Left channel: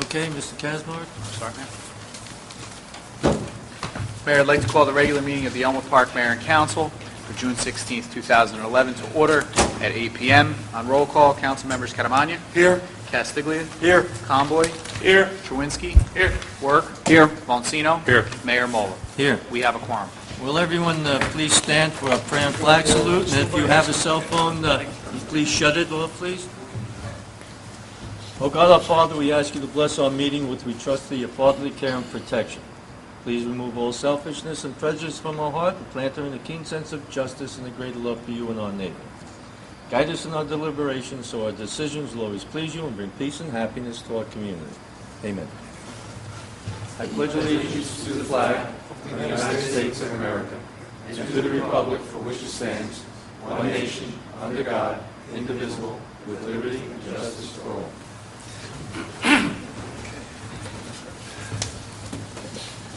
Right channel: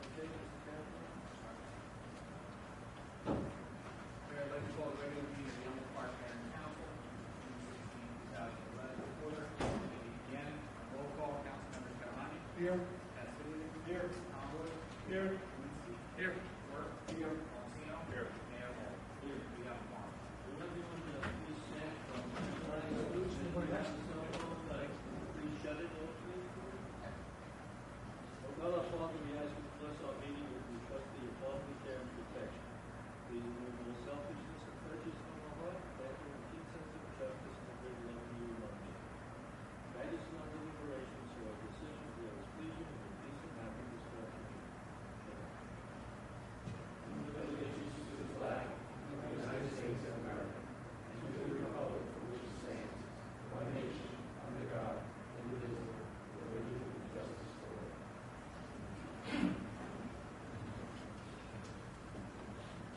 Okay, Mr. Casmar? Start, Mayor. Mayor, I'd like to call the regular meeting of the Elmwood Park Mayor and Council for June 16th, 2011 to order at 8 p.m. On roll call, council members Catamagna. Here. Castiglia. Here. Conboy. Here. Chawinski. Here. Work. Here. Monsino. Here. Mayor Moller. Here. We have a quorum. Will everyone please stand for our prayer and flag salute? And if you have a cell phone, please shut it off, please. Oh God, our Father, we ask you to bless our meeting with we trust thee, your fatherly care and protection. Please remove all selfishness and prejudice from our heart and plant her in a keen sense of justice and a greater love for you and our neighbor. Guide us in our deliberations so our decisions will always please you and bring peace and happiness to our community. Amen. I pledge allegiance to the flag of the United States of America and to the republic for which it stands, one nation, under God, indivisible, with liberty and justice for all.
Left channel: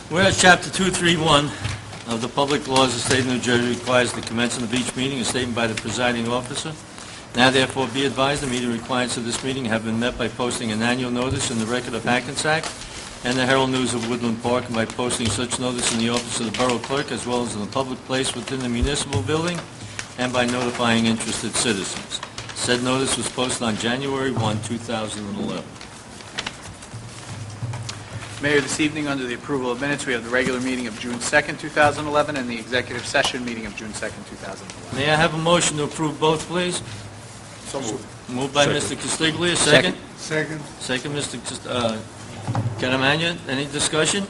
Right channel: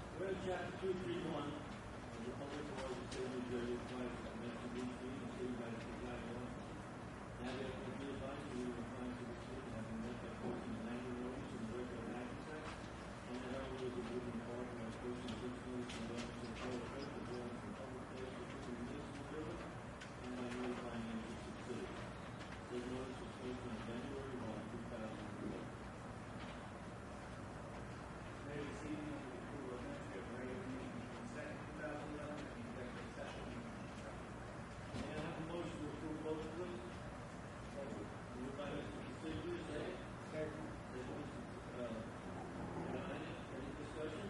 Whereas Chapter 231 of the Public Laws of the State of New Jersey requires the commencement of each meeting a statement by the presiding officer. Now therefore be advised the meeting requirements of this meeting have been met by posting an annual notice in the Record of Hackensack and the Herald News of Woodland Park, and by posting such notice in the office of the Borough Clerk as well as in a public place within the municipal building, and by notifying interested citizens. Said notice was posted on January 1, 2011. Mayor, this evening, under the approval of minutes, we have the regular meeting of June 2nd, 2011, and the executive session meeting of June 2nd, 2011. May I have a motion to approve both, please? So moved. Moved by Mr. Castiglia, second? Second. Second, Mr. Catamagna. Any discussion?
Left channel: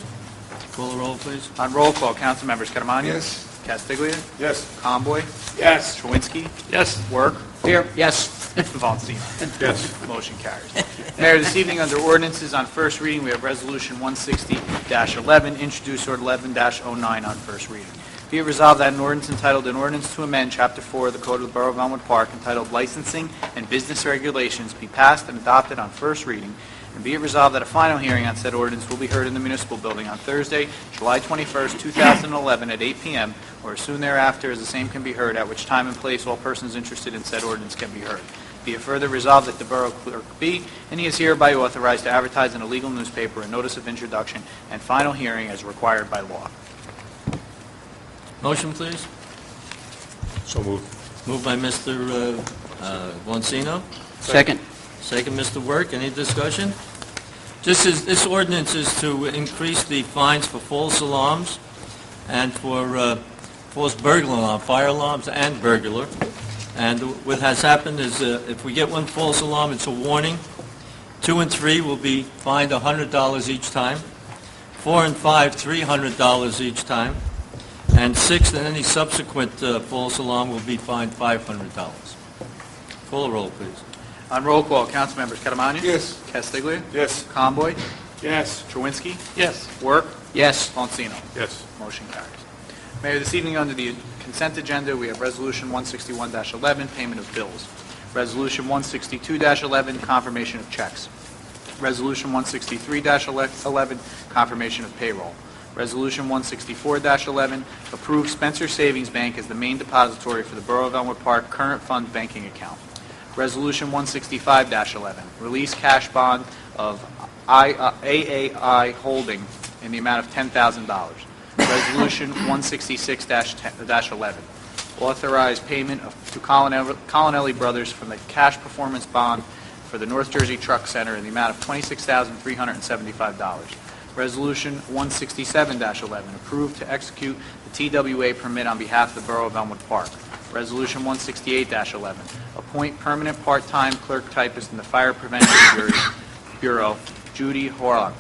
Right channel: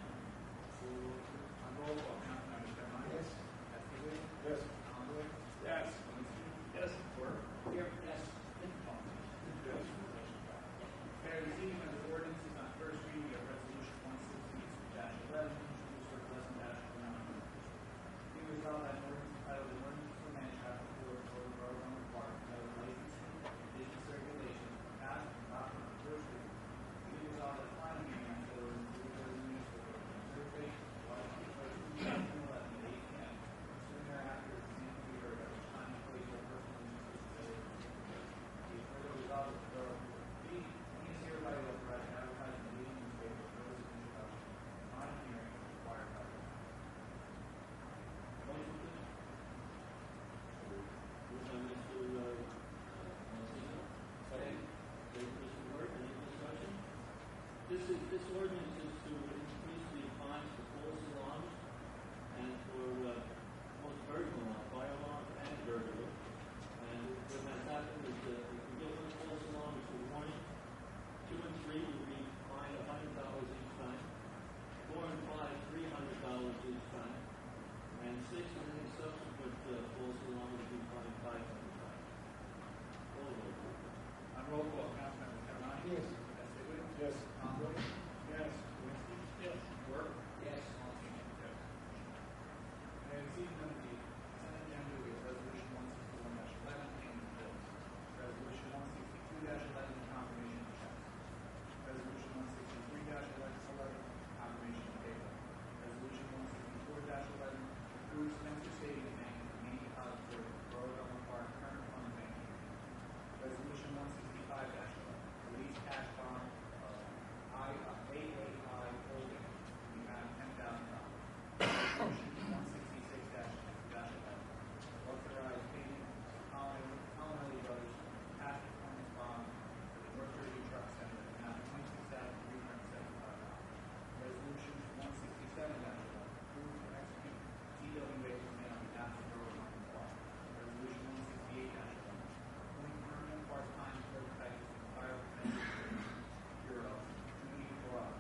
Call the roll, please. On roll call, council members Catamagna. Yes. Castiglia. Yes. Conboy. Yes. Chawinski. Yes. Work. Here. Yes. Monsino. Yes. Motion carries. Mayor, this evening under ordinances on first reading, we have Resolution 160-11, introduced Order 11-09 on first reading. Be it resolved that an ordinance entitled An Ordinance to Amend Chapter 4 of the Code of the Borough of Elmwood Park entitled Licensing and Business Regulations be passed and adopted on first reading, and be it resolved that a final hearing on said ordinance will be heard in the municipal building on Thursday, July 21st, 2011 at 8 p.m. or as soon thereafter as the same can be heard, at which time and place all persons interested in said ordinance can be heard. Be it further resolved that the Borough Clerk be, and he is hereby authorized to advertise in a legal newspaper a notice of introduction and final hearing as required by law. Motion, please. So moved. Moved by Mr. Monsino. Second. Second, Mr. Work. Any discussion? This ordinance is to increase the fines for false alarms and for false burglar alarm, fire alarms and burglar. And what has happened is if we get one false alarm, it's a warning. 2 and 3 will be fined $100 each time. 4 and 5, $300 each time. And 6 and any subsequent false alarm will be fined $500. Call the roll, please. On roll call, council members Catamagna. Yes. Castiglia. Yes. Conboy. Yes. Chawinski. Yes. Work. Yes. Monsino. Yes. Motion carries. Mayor, this evening under the consent agenda, we have Resolution 161-11, payment of bills. Resolution 162-11, confirmation of checks. Resolution 163-11, confirmation of payroll. Resolution 164-11, approve Spencer Savings Bank as the main depository for the Borough of Elmwood Park current fund banking account. Resolution 165-11, release cash bond of AAI Holding in the amount of $10,000. Resolution 166-11, authorize payment to Colonelli Brothers from the cash performance bond for the North Jersey Truck Center in the amount of $26,375. Resolution 167-11, approved to execute the TWA permit on behalf of the Borough of Elmwood Park. Resolution 168-11, appoint permanent part-time clerk typist in the Fire Prevention Bureau, Judy Horlock.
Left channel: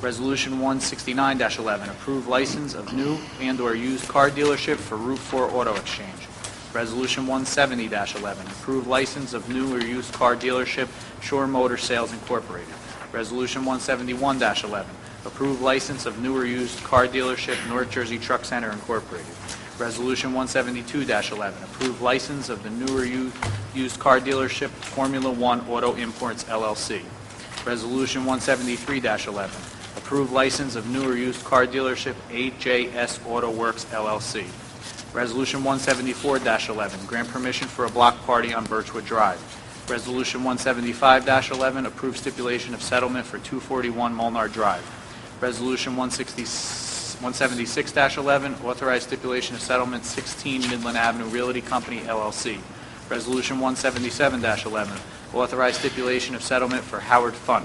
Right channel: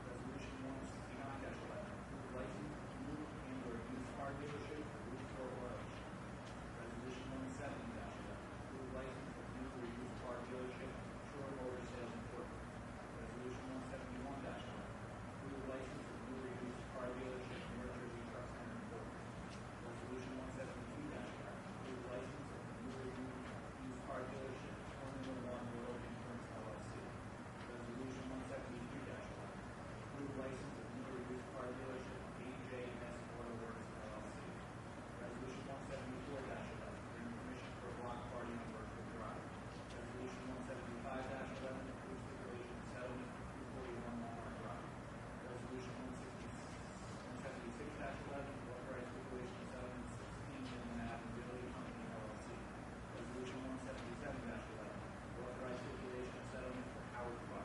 Resolution 169-11, approve license of new and/or used car dealership for Route 4 Auto Exchange. Resolution 170-11, approve license of new or used car dealership, Shore Motor Sales Incorporated. Resolution 171-11, approve license of new or used car dealership, North Jersey Truck Center Incorporated. Resolution 172-11, approve license of the new or used car dealership, Formula One Auto Imports, LLC. Resolution 173-11, approve license of new or used car dealership, AJS Auto Works, LLC. Resolution 174-11, grant permission for a block party on Birchwood Drive. Resolution 175-11, approve stipulation of settlement for 241 Molnar Drive. Resolution 176-11, authorize stipulation of settlement 16 Midland Avenue Realty Company, LLC. Resolution 177-11, authorize stipulation of settlement for Howard Fund.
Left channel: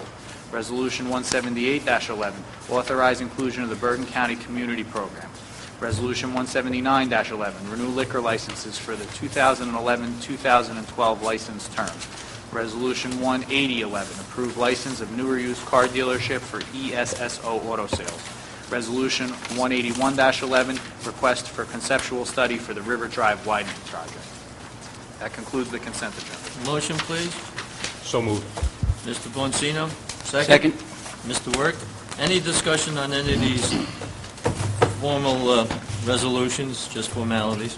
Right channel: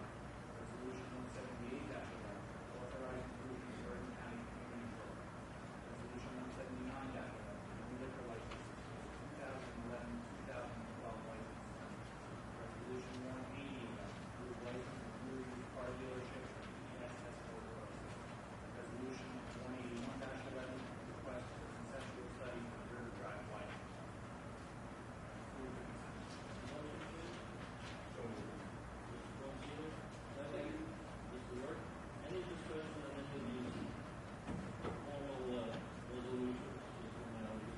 Resolution 178-11, authorize inclusion of the Bergen County Community Program. Resolution 179-11, renew liquor licenses for the 2011-2012 license term. Resolution 180-11, approve license of newer used car dealership for ESSO Auto Sales. Resolution 181-11, request for conceptual study for the River Drive widening project. That concludes the consent agenda. Motion, please. So moved. Mr. Boncino, second. Second. Mr. Work, any discussion on any of these formal resolutions, just formalities?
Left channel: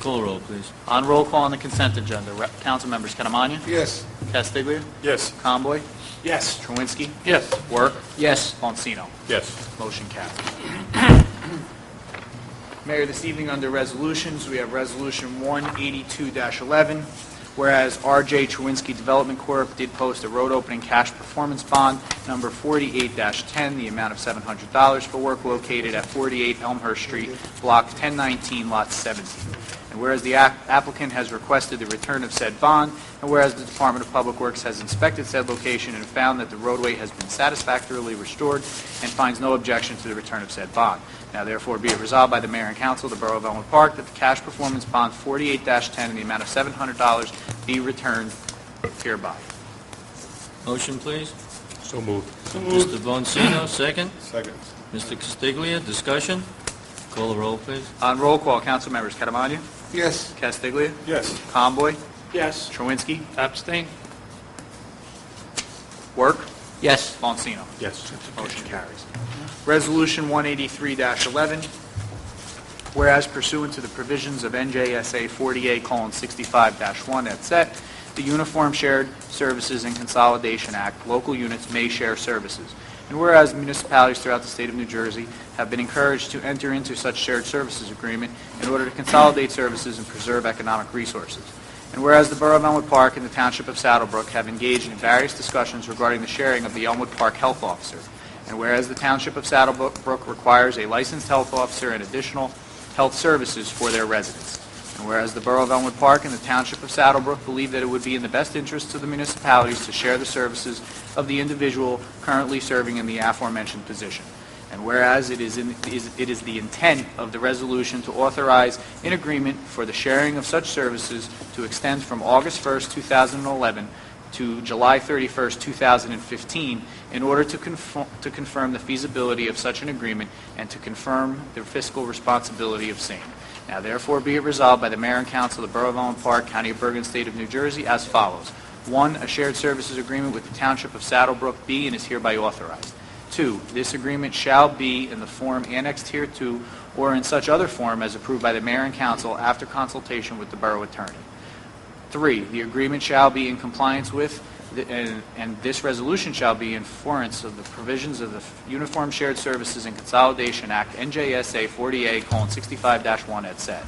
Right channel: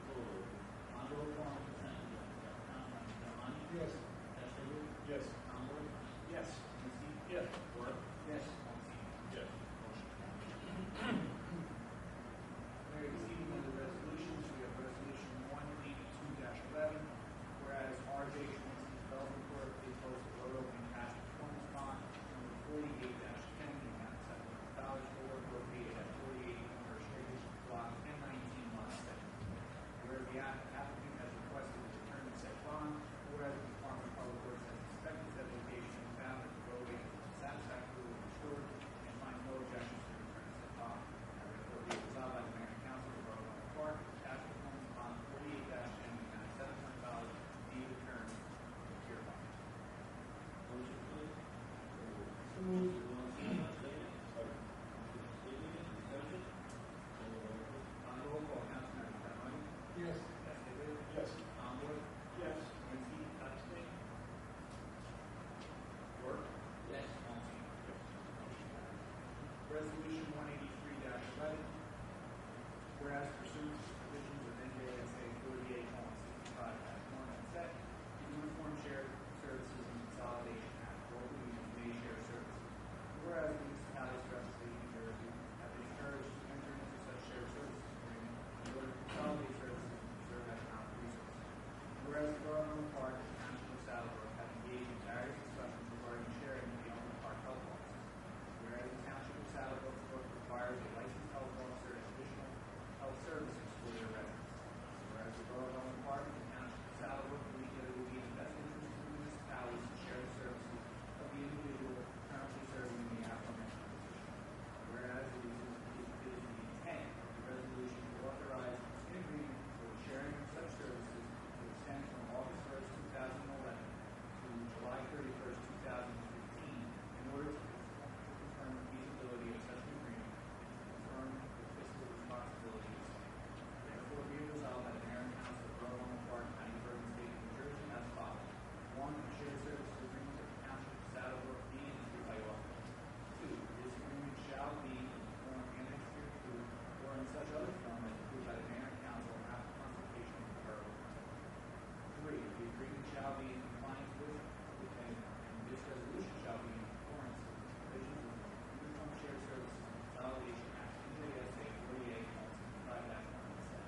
Call roll, please. On roll call on the consent agenda, council members Catamagna, Yes. Castiglia, Yes. Conboy, Yes. Trewinski, Yes. Work, Yes. Bonsino. Yes. Motion carries. Mayor, this evening under resolutions, we have Resolution 182-11, whereas R.J. Trewinski Development Corp. did post a road opening cash performance bond number 48-10, the amount of $700 for work located at 48 Elmhurst Street, Block 1019, Lot 17. And whereas the applicant has requested the return of said bond, and whereas the Department of Public Works has inspected said location and found that the roadway has been satisfactorily restored and finds no objection to the return of said bond. Now therefore be it resolved by the Mayor and Council of the Borough of Elmwood Park that the cash performance bond 48-10 in the amount of $700 be returned hereby. Motion, please. So moved. Mr. Boncino, second. Second. Mr. Castiglia, discussion? Call the roll, please. On roll call, council members Catamagna, Yes. Castiglia, Yes. Conboy, Yes. Trewinski, Abstain. Work, Yes. Bonsino. Yes. Motion carries. Resolution 183-11, whereas pursuant to the provisions of NJSA 40A:65-1 et set, the Uniform Shared Services and Consolidation Act, local units may share services. And whereas municipalities throughout the state of New Jersey have been encouraged to enter into such shared services agreement in order to consolidate services and preserve economic resources. And whereas the Borough of Elmwood Park and the Township of Saddlebrook have engaged in various discussions regarding the sharing of the Elmwood Park Health Officer. And whereas the Township of Saddlebrook requires a licensed health officer and additional health services for their residents. And whereas the Borough of Elmwood Park and the Township of Saddlebrook believe that it would be in the best interest of the municipalities to share the services of the individual currently serving in the aforementioned position. And whereas it is the intent of the resolution to authorize an agreement for the sharing of such services to extend from August 1st, 2011 to July 31st, 2015, in order to confirm the feasibility of such an agreement and to confirm the fiscal responsibility of same. Now therefore be it resolved by the Mayor and Council of the Borough of Elmwood Park, County of Bergen, State of New Jersey as follows. 1. A shared services agreement with the Township of Saddlebrook be and is hereby authorized. 2. This agreement shall be in the form annexed hereto or in such other form as approved by the Mayor and Council after consultation with the Borough Attorney. 3. The agreement shall be in compliance with, and this resolution shall be in force of the provisions of the Uniform Shared Services and Consolidation Act, NJSA 40A:65-1 et set.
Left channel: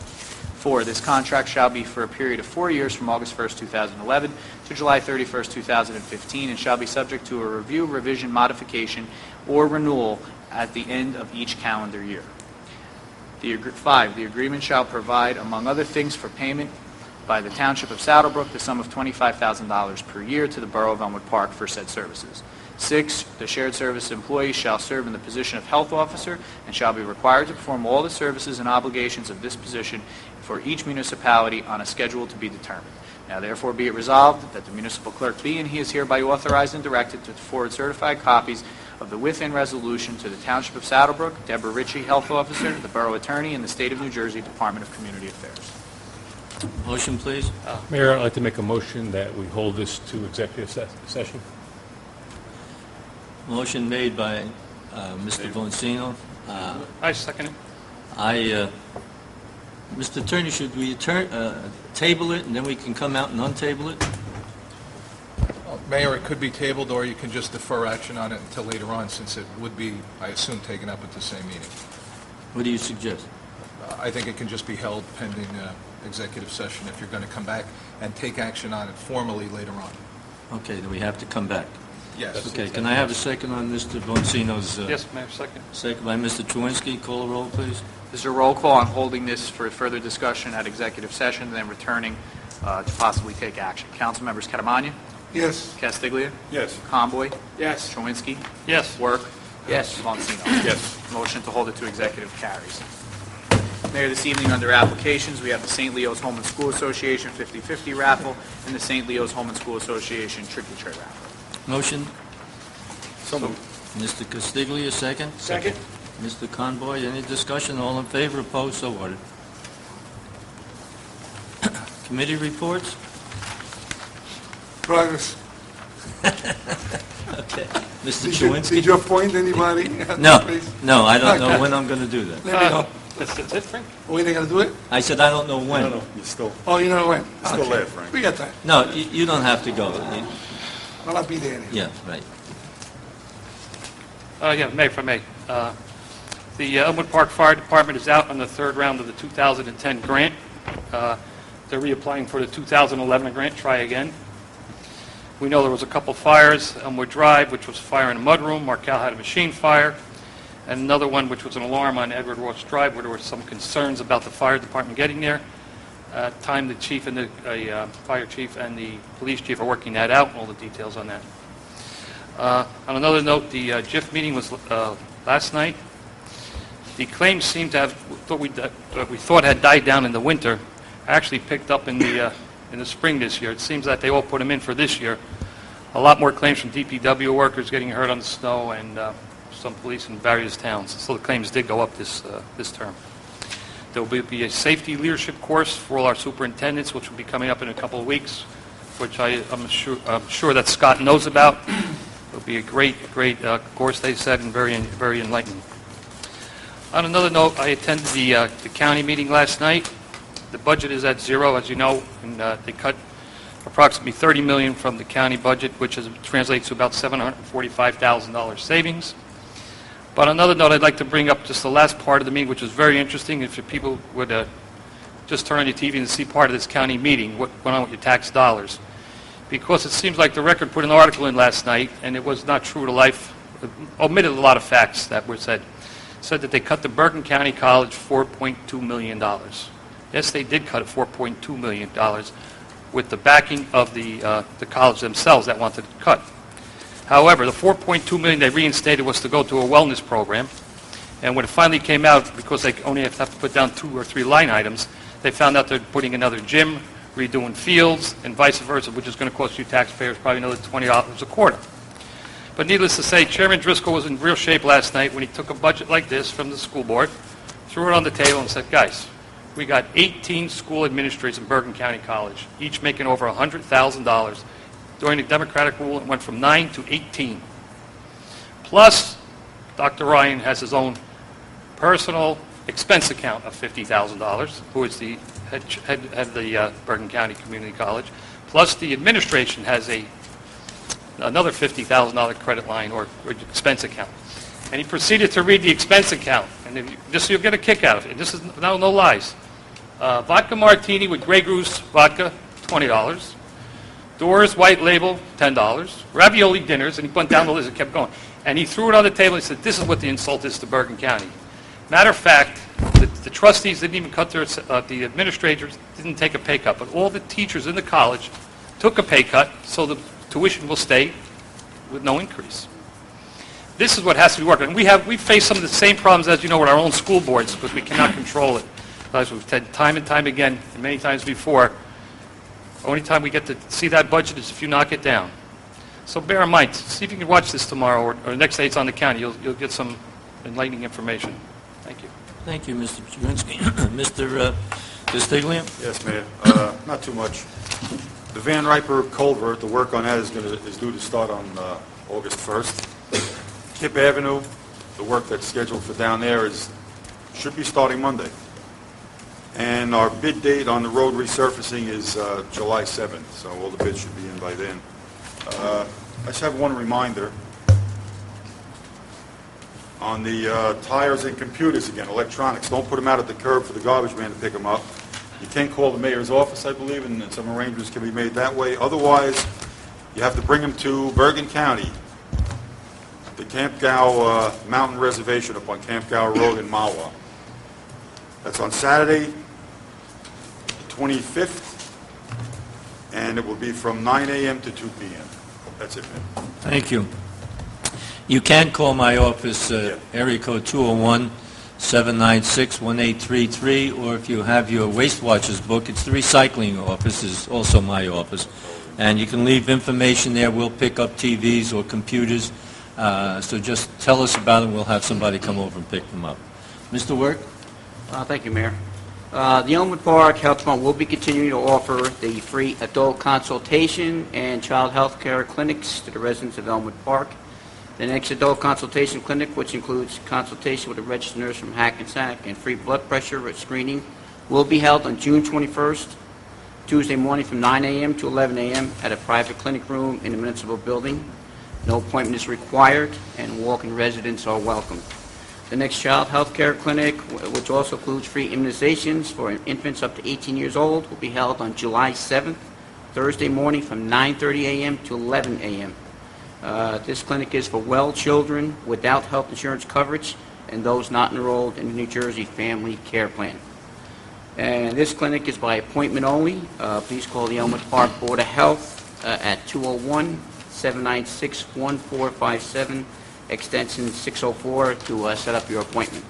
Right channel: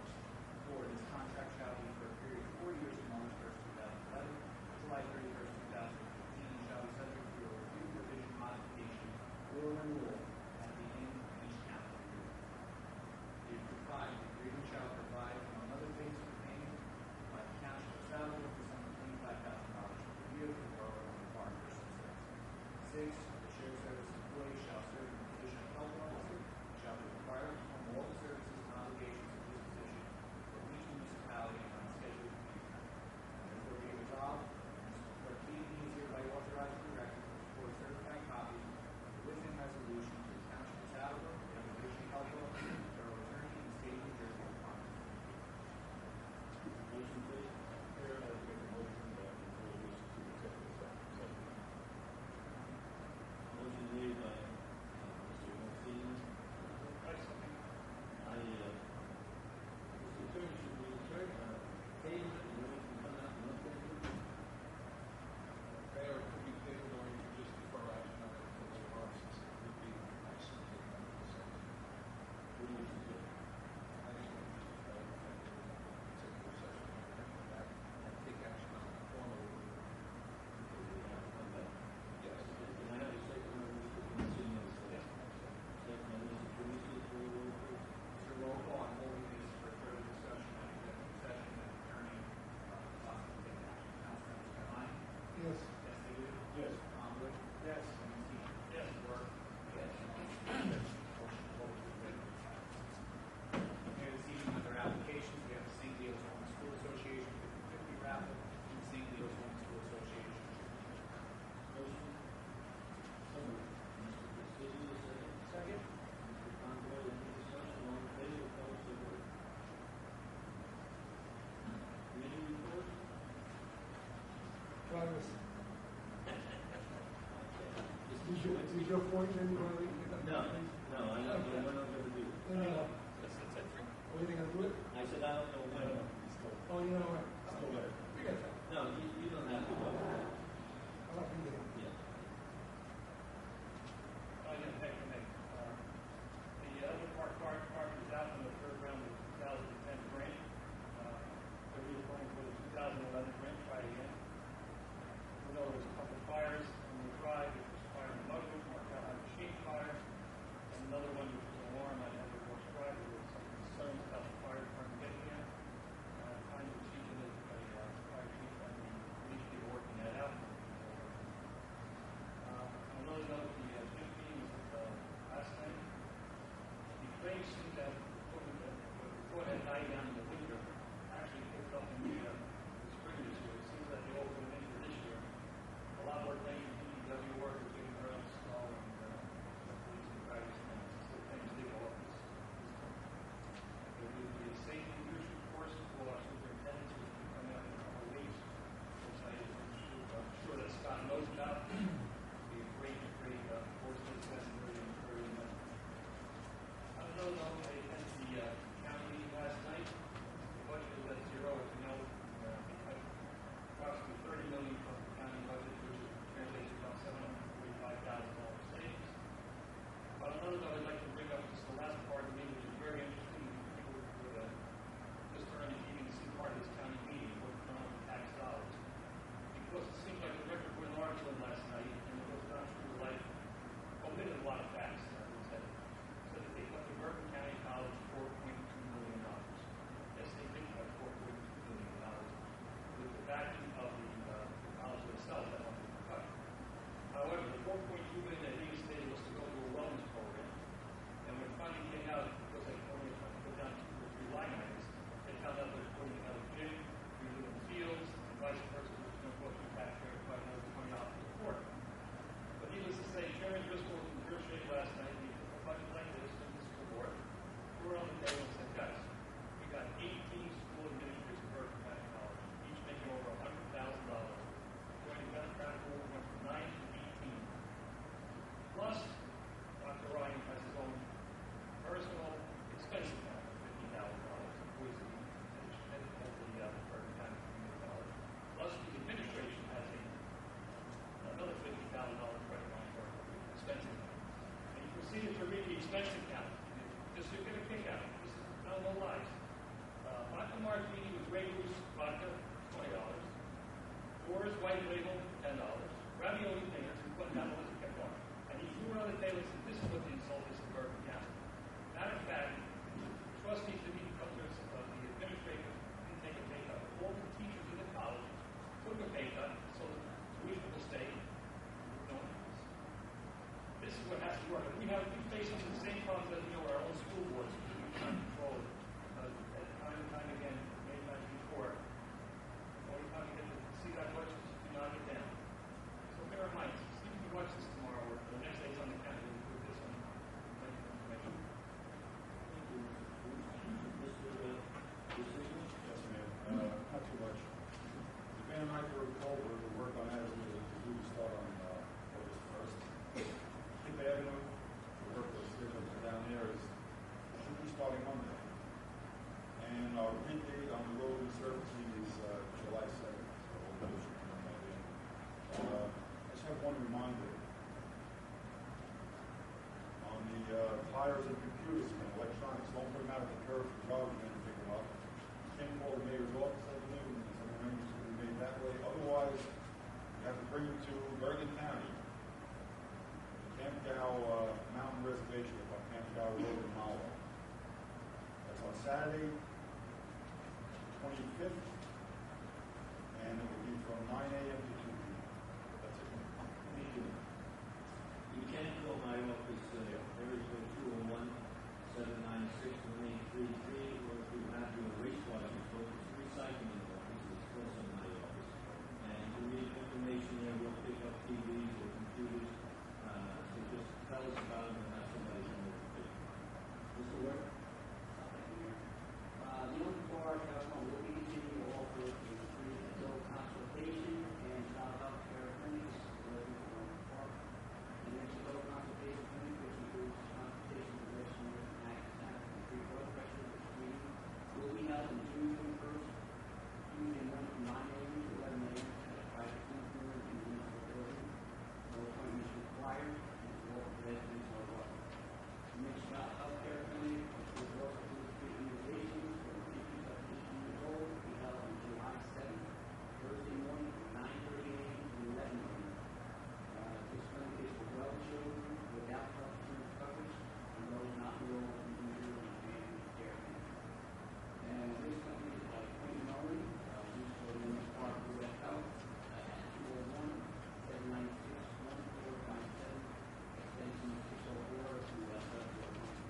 4. This contract shall be for a period of 4 years from August 1st, 2011 to July 31st, 2015, and shall be subject to a review, revision, modification, or renewal at the end of each calendar year. 5. The agreement shall provide, among other things, for payment by the Township of Saddlebrook the sum of $25,000 per year to the Borough of Elmwood Park for said services. 6. The shared service employee shall serve in the position of health officer and shall be required to perform all the services and obligations of this position for each municipality on a schedule to be determined. Now therefore be it resolved that the municipal clerk be and he is hereby authorized and directed to forward certified copies of the within resolution to the Township of Saddlebrook, Deborah Ritchie, Health Officer, the Borough Attorney, and the State of New Jersey Department of Community Affairs. Motion, please. Mayor, I'd like to make a motion that we hold this to executive session. Motion made by Mr. Boncino. I second it. Mr. Attorney, should we table it, and then we can come out and untable it? Mayor, it could be tabled, or you can just defer action on it until later on, since it would be, I assume, taken up at the same meeting. What do you suggest? I think it can just be held pending executive session if you're going to come back and take action on it formally later on. Okay, then we have to come back. Yes. Okay, can I have a second on Mr. Boncino's? Yes, Mayor, second. Second by Mr. Truinsky. Call the roll, please. This is a roll call on holding this for further discussion at executive session, and then returning to possibly take action. Council members Catamagna, Yes. Castiglia, Yes. Conboy, Yes. Chowinski, Yes. Work, Yes. Boncino. Yes. Motion to hold it to executive carries. Mayor, this evening under applications, we have the St. Leo's Home and School Association 50/50 raffle and the St. Leo's Home and School Association Trick or Treat raffle. Motion, So moved. Mr. Castiglia, second. Second. Mr. Conboy, any discussion? All in favor, opposed, so ordered. Committee reports? Progress. Okay. Mr. Did Chewinski? you appoint anybody? No, Please? no, I don't know Okay. when I'm going to do that. Let me know. That's it, Frank? When are you going to do it? I said I don't know when. No, you're still, Oh, you know when? still Okay. there, Frank. We got time. No, you don't have to go. Well, I'll be there anyway. Yeah, right. Yeah, Mayor, if I may. The Elmwood Park Fire Department is out on the third round of the 2010 grant. They're reapplying for the 2011 grant, Try Again. We know there was a couple fires, Elmwood Drive, which was a fire in a mudroom, Markel had a machine fire, and another one which was an alarm on Edward Ross Drive where there were some concerns about the fire department getting there. At the time, the chief and the fire chief and the police chief are working that out, all the details on that. On another note, the JIF meeting was last night. The claims seem to have, we thought had died down in the winter, actually picked up in the spring this year. It seems that they all put them in for this year. A lot more claims from DPW workers getting hurt on the snow and some police in various towns. So the claims did go up this term. There will be a safety leadership course for all our superintendents, which will be coming up in a couple of weeks, which I'm sure that Scott knows about. It'll be a great course, they said, and very enlightening. On another note, I attended the county meeting last night. The budget is at zero, as you know, and they cut approximately $30 million from the county budget, which translates to about $745,000 savings. But on another note, I'd like to bring up just the last part of the meeting, which is very interesting. If people would just turn on your TV and see part of this county meeting, what went on with your tax dollars. Because it seems like the Record put an article in last night, and it was not true to life, omitted a lot of facts that were said. Said that they cut the Bergen County College $4.2 million. Yes, they did cut $4.2 million with the backing of the college themselves that wanted to cut. However, the $4.2 million they reinstated was to go to a wellness program, and when it finally came out, because they only have to put down 2 or 3 line items, they found out they're putting another gym, redoing fields, and vice versa, which is going to cost you taxpayers probably another $20 a quarter. But needless to say, Chairman Driscoll was in real shape last night when he took a budget like this from the school board, threw it on the table and said, guys, we got 18 school administrators in Bergen County College, each making over $100,000. During the Democratic rule, it went from 9 to 18. Plus, Dr. Ryan has his own personal expense account of $50,000, who is the head of the Bergen County Community College. Plus, the administration has another $50,000 credit line or expense account. And he proceeded to read the expense account, and just so you'll get a kick out of it. This is no lies. Vodka martini with Grey Goose vodka, $20. Doors White Label, $10. Ravioli dinners, and he went down the list and kept going. And he threw it on the table and he said, this is what the insult is to Bergen County. Matter of fact, the trustees didn't even cut the administrators didn't take a pay cut, but all the teachers in the college took a pay cut, so the tuition will stay with no increase. This is what has to be worked on. We face some of the same problems, as you know, with our own school boards, because we cannot control it. As we've said time and time again, and many times before, the only time we get to see that budget is if you knock it down. So bear in mind, see if you can watch this tomorrow, or the next day it's on the county. You'll get some enlightening information. Thank you. Thank you, Mr. Jurinski. Mr. Castiglia? Yes, Mayor. Not too much. The Van Riper culvert, the work on that is due to start on August 1st. Kip Avenue, the work that's scheduled for down there should be starting Monday. And our bid date on the road resurfacing is July 7th, so all the bids should be in by then. I just have one reminder. on the tires and computers again, electronics. Don't put them out at the curb for the garbage man to pick them up. You can call the mayor's office, I believe, and some arrangements can be made that way. Otherwise, you have to bring them to Bergen County, the Camp Gow Mountain Reservation up on Camp Gow Road in Mawa. That's on Saturday, the 25th, and it will be from 9 a.m. to 2 p.m. That's it, man. Thank you. You can call my office, area code 201-796-1833, or if you have your Waste Watchers book, it's the recycling office, is also my office. And you can leave information there. We'll pick up TVs or computers. So just tell us about it, and we'll have somebody come over and pick them up. Mr. Work? Thank you, Mayor. The Elmwood Park Health Department will be continuing to offer the free adult consultation and child health care clinics to the residents of Elmwood Park. The next adult consultation clinic, which includes consultation with a registered nurse from Hackensack and free blood pressure screening, will be held on June 21st, Tuesday morning from 9 a.m. to 11 a.m. at a private clinic room in the municipal building. No appointment is required, and walk-in residents are welcome. The next child health care clinic, which also includes free immunizations for infants up to 18 years old, will be held on July 7th, Thursday morning from 9:30 a.m. to 11 a.m. This clinic is for well children without health insurance coverage and those not enrolled in the New Jersey Family Care Plan. And this clinic is by appointment only. Please call the Elmwood Park Board of Health at 201-796-1457, extension 604, to set up your appointment.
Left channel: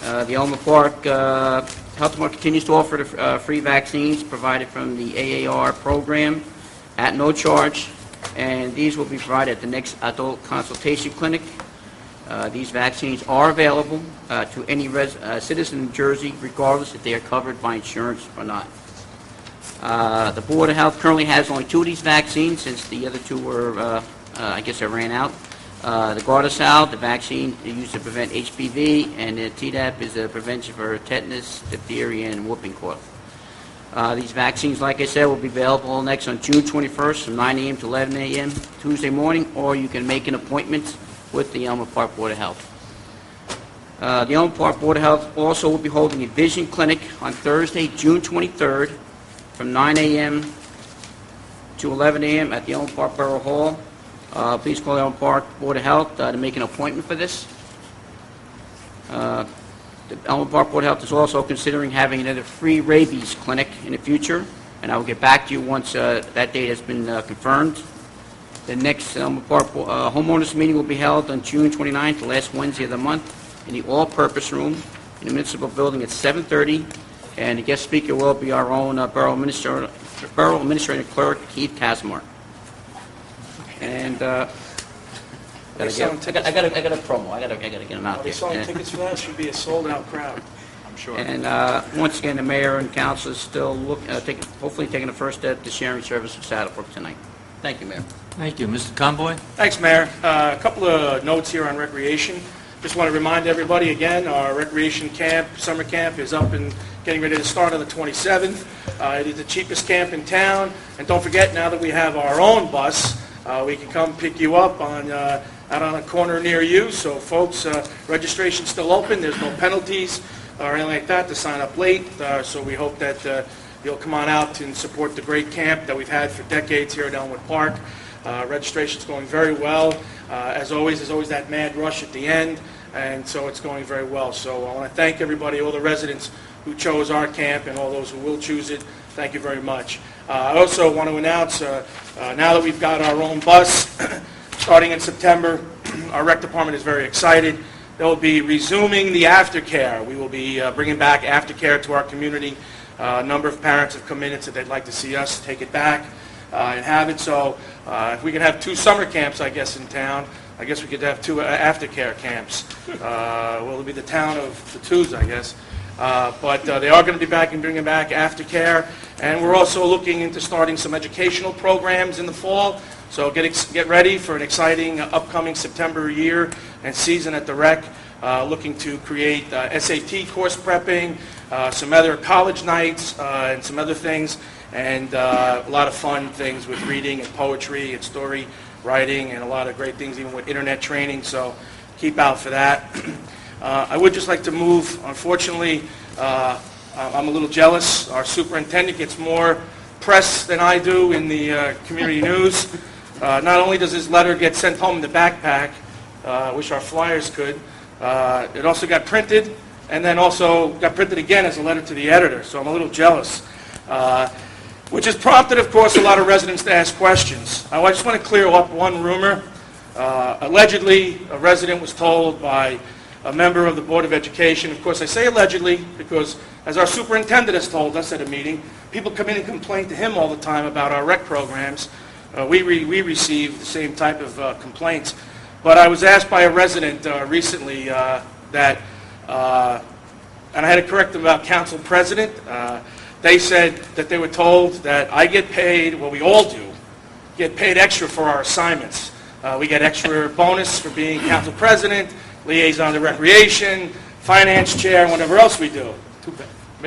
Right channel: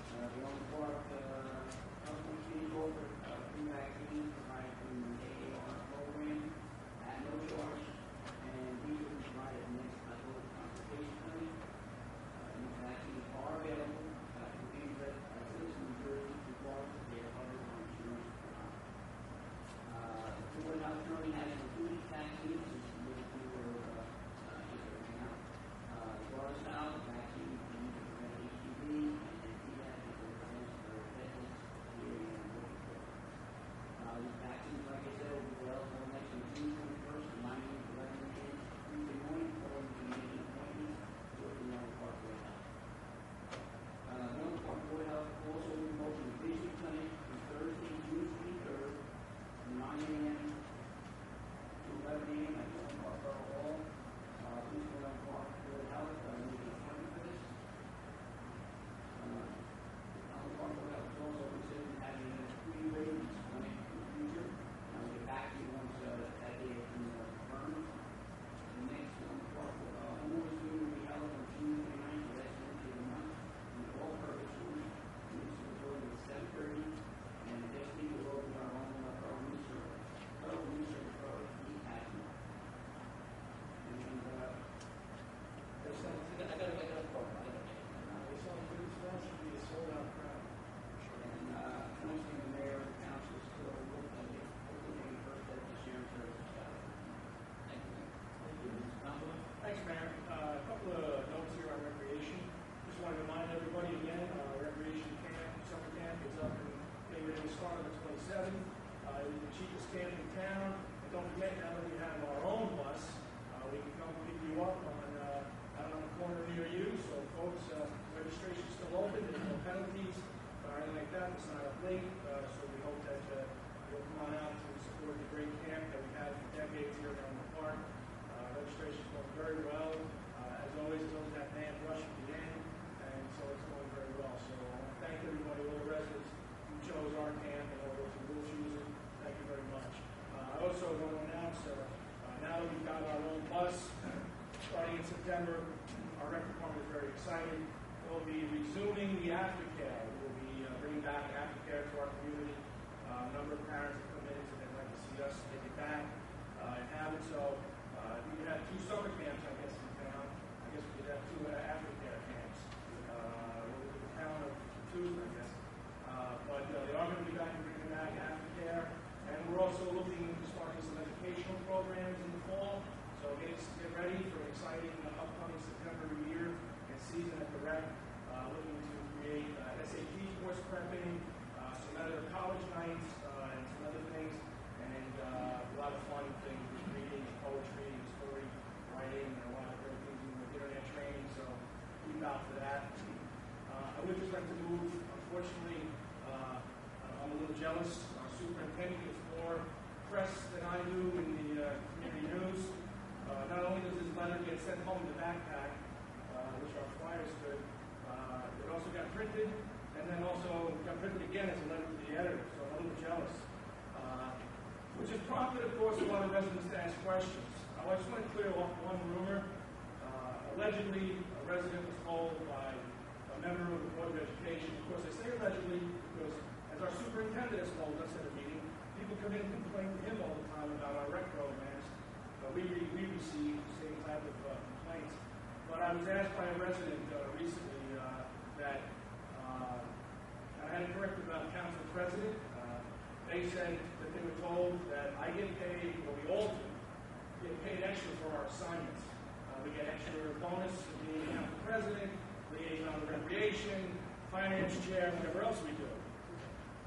The Elmwood Park Health Department continues to offer the free vaccines provided from the AAR program at no charge, and these will be provided at the next adult consultation clinic. These vaccines are available to any citizen in New Jersey, regardless if they are covered by insurance or not. The Board of Health currently has only 2 of these vaccines, since the other 2 were, I guess they ran out. The Gardasil, the vaccine used to prevent HPV, and the Tdap is a prevention for tetanus, diphtheria, and whooping cough. These vaccines, like I said, will be available next on June 21st from 9 a.m. to 11 a.m. Tuesday morning, or you can make an appointment with the Elmwood Park Board of Health. The Elmwood Park Board of Health also will be holding a vision clinic on Thursday, June 23rd, from 9 a.m. to 11 a.m. at the Elmwood Park Borough Hall. Please call the Elmwood Park Board of Health to make an appointment for this. The Elmwood Park Board of Health is also considering having another free rabies clinic in the future, and I will get back to you once that date has been confirmed. The next Elmwood Park homeowners meeting will be held on June 29th, the last Wednesday of the month, in the all-purpose room in the municipal building at 7:30, and the guest speaker will be our own Borough Administrative Clerk, Keith Casimir. And I got a promo. I gotta get him out They there. selling tickets for that, should be a sold-out crowd. I'm sure. And once again, the mayor and council is still hopefully taking the first step to sharing service with Saddlebrook tonight. Thank you, Mayor. Thank you. Mr. Conboy? Thanks, Mayor. A couple of notes here on recreation. Just want to remind everybody again, our recreation camp, summer camp, is up and getting ready to start on the 27th. It is the cheapest camp in town. And don't forget, now that we have our own bus, we can come pick you up out on a corner near you. So folks, registration's still open. There's no penalties or anything like that to sign up late. So we hope that you'll come on out and support the great camp that we've had for decades here at Elmwood Park. Registration's going very well. As always, there's always that mad rush at the end, and so it's going very well. So I want to thank everybody, all the residents who chose our camp and all those who will choose it. Thank you very much. I also want to announce, now that we've got our own bus, starting in September, our rec department is very excited. They'll be resuming the aftercare. We will be bringing back aftercare to our community. A number of parents have come in and said they'd like to see us take it back and have it. So if we could have 2 summer camps, I guess, in town, I guess we could have 2 aftercare camps. Well, it'll be the town of the 2s, I guess. But they are going to be back and bringing back aftercare. And we're also looking into starting some educational programs in the fall. So get ready for an exciting upcoming September year and season at the rec. Looking to create SAT course prepping, some other college nights, and some other things, and a lot of fun things with reading and poetry and story writing, and a lot of great things even with internet training. So keep out for that. I would just like to move, unfortunately, I'm a little jealous. Our superintendent gets more press than I do in the community news. Not only does his letter get sent home in the backpack, wish our flyers could, it also got printed, and then also got printed again as a letter to the editor, so I'm a little jealous. Which has prompted, of course, a lot of residents to ask questions. I just want to clear up one rumor. Allegedly, a resident was told by a member of the Board of Education, of course I say allegedly because as our superintendent has told us at a meeting, people come in and complain to him all the time about our rec programs. We receive the same type of complaints. But I was asked by a resident recently that, and I had to correct them about council president. They said that they were told that I get paid, well we all do, get paid extra for our assignments. We get extra bonus for being council president, liaison to recreation, finance chair, and whatever else we do.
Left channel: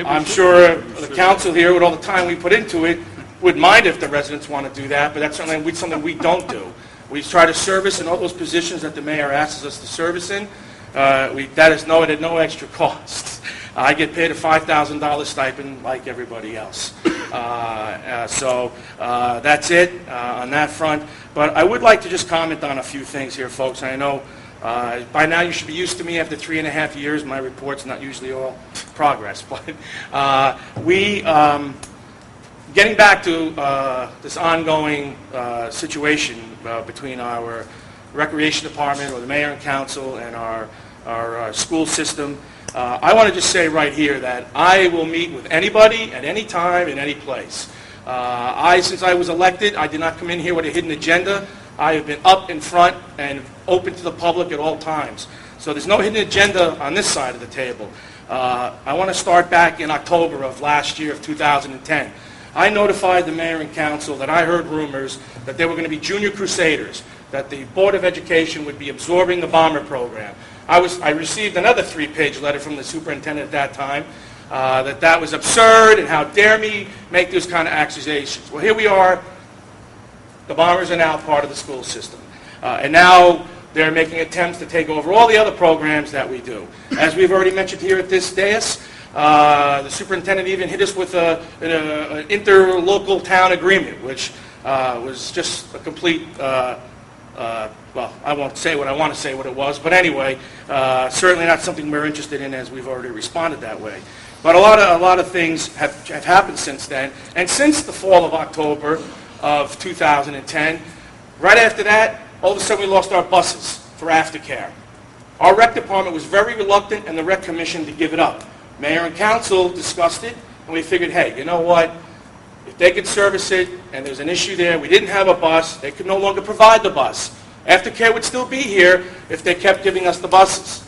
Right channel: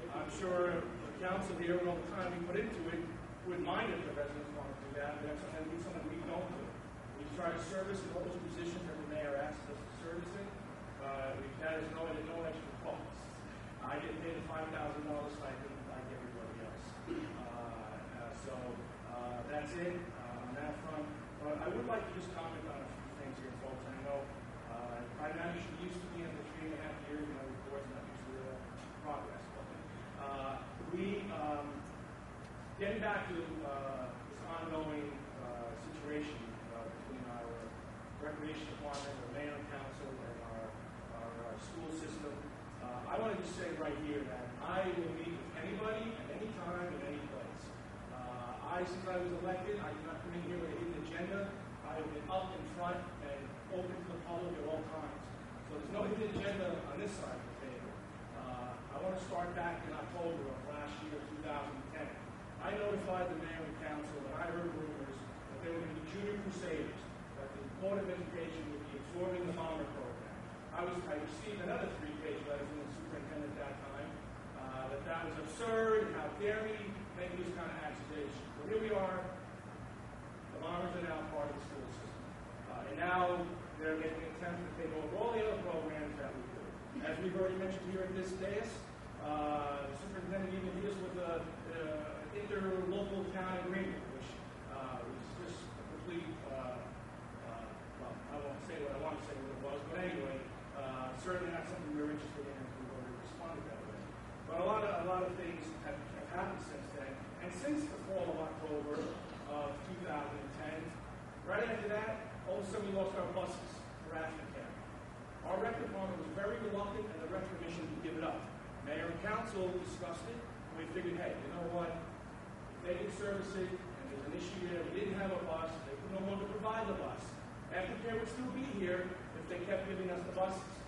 I'm sure the council here, with all the time we put into it, would mind if the residents want to do that, but that's certainly something we don't do. We try to service in all those positions that the mayor asks us to service in. That is at no extra cost. I get paid a $5,000 stipend like everybody else. So that's it on that front. But I would like to just comment on a few things here, folks. I know by now you should be used to me after 3.5 years. My report's not usually all progress. But getting back to this ongoing situation between our recreation department or the mayor and council and our school system, I want to just say right here that I will meet with anybody at any time in any place. Since I was elected, I did not come in here with a hidden agenda. I have been up in front and open to the public at all times. So there's no hidden agenda on this side of the table. I want to start back in October of last year of 2010. I notified the mayor and council that I heard rumors that there were going to be junior crusaders, that the Board of Education would be absorbing the bomber program. I received another 3-page letter from the superintendent at that time that was absurd and how dare me make those kind of accusations. Well, here we are. The bombers are now part of the school system. And now they're making attempts to take over all the other programs that we do. As we've already mentioned here at this dais, the superintendent even hit us with an interlocal town agreement, which was just a complete, well, I won't say what I want to say what it was, but anyway, certainly not something we're interested in as we've already responded that way. But a lot of things have happened since then, and since the fall of October of 2010, right after that, all of a sudden we lost our buses for aftercare. Our rec department was very reluctant and the rec commission to give it up. Mayor and council discussed it, and we figured, hey, you know what? If they could service it and there's an issue there, we didn't have a bus, they could no longer provide the bus. Aftercare would still be here if they kept giving us the buses.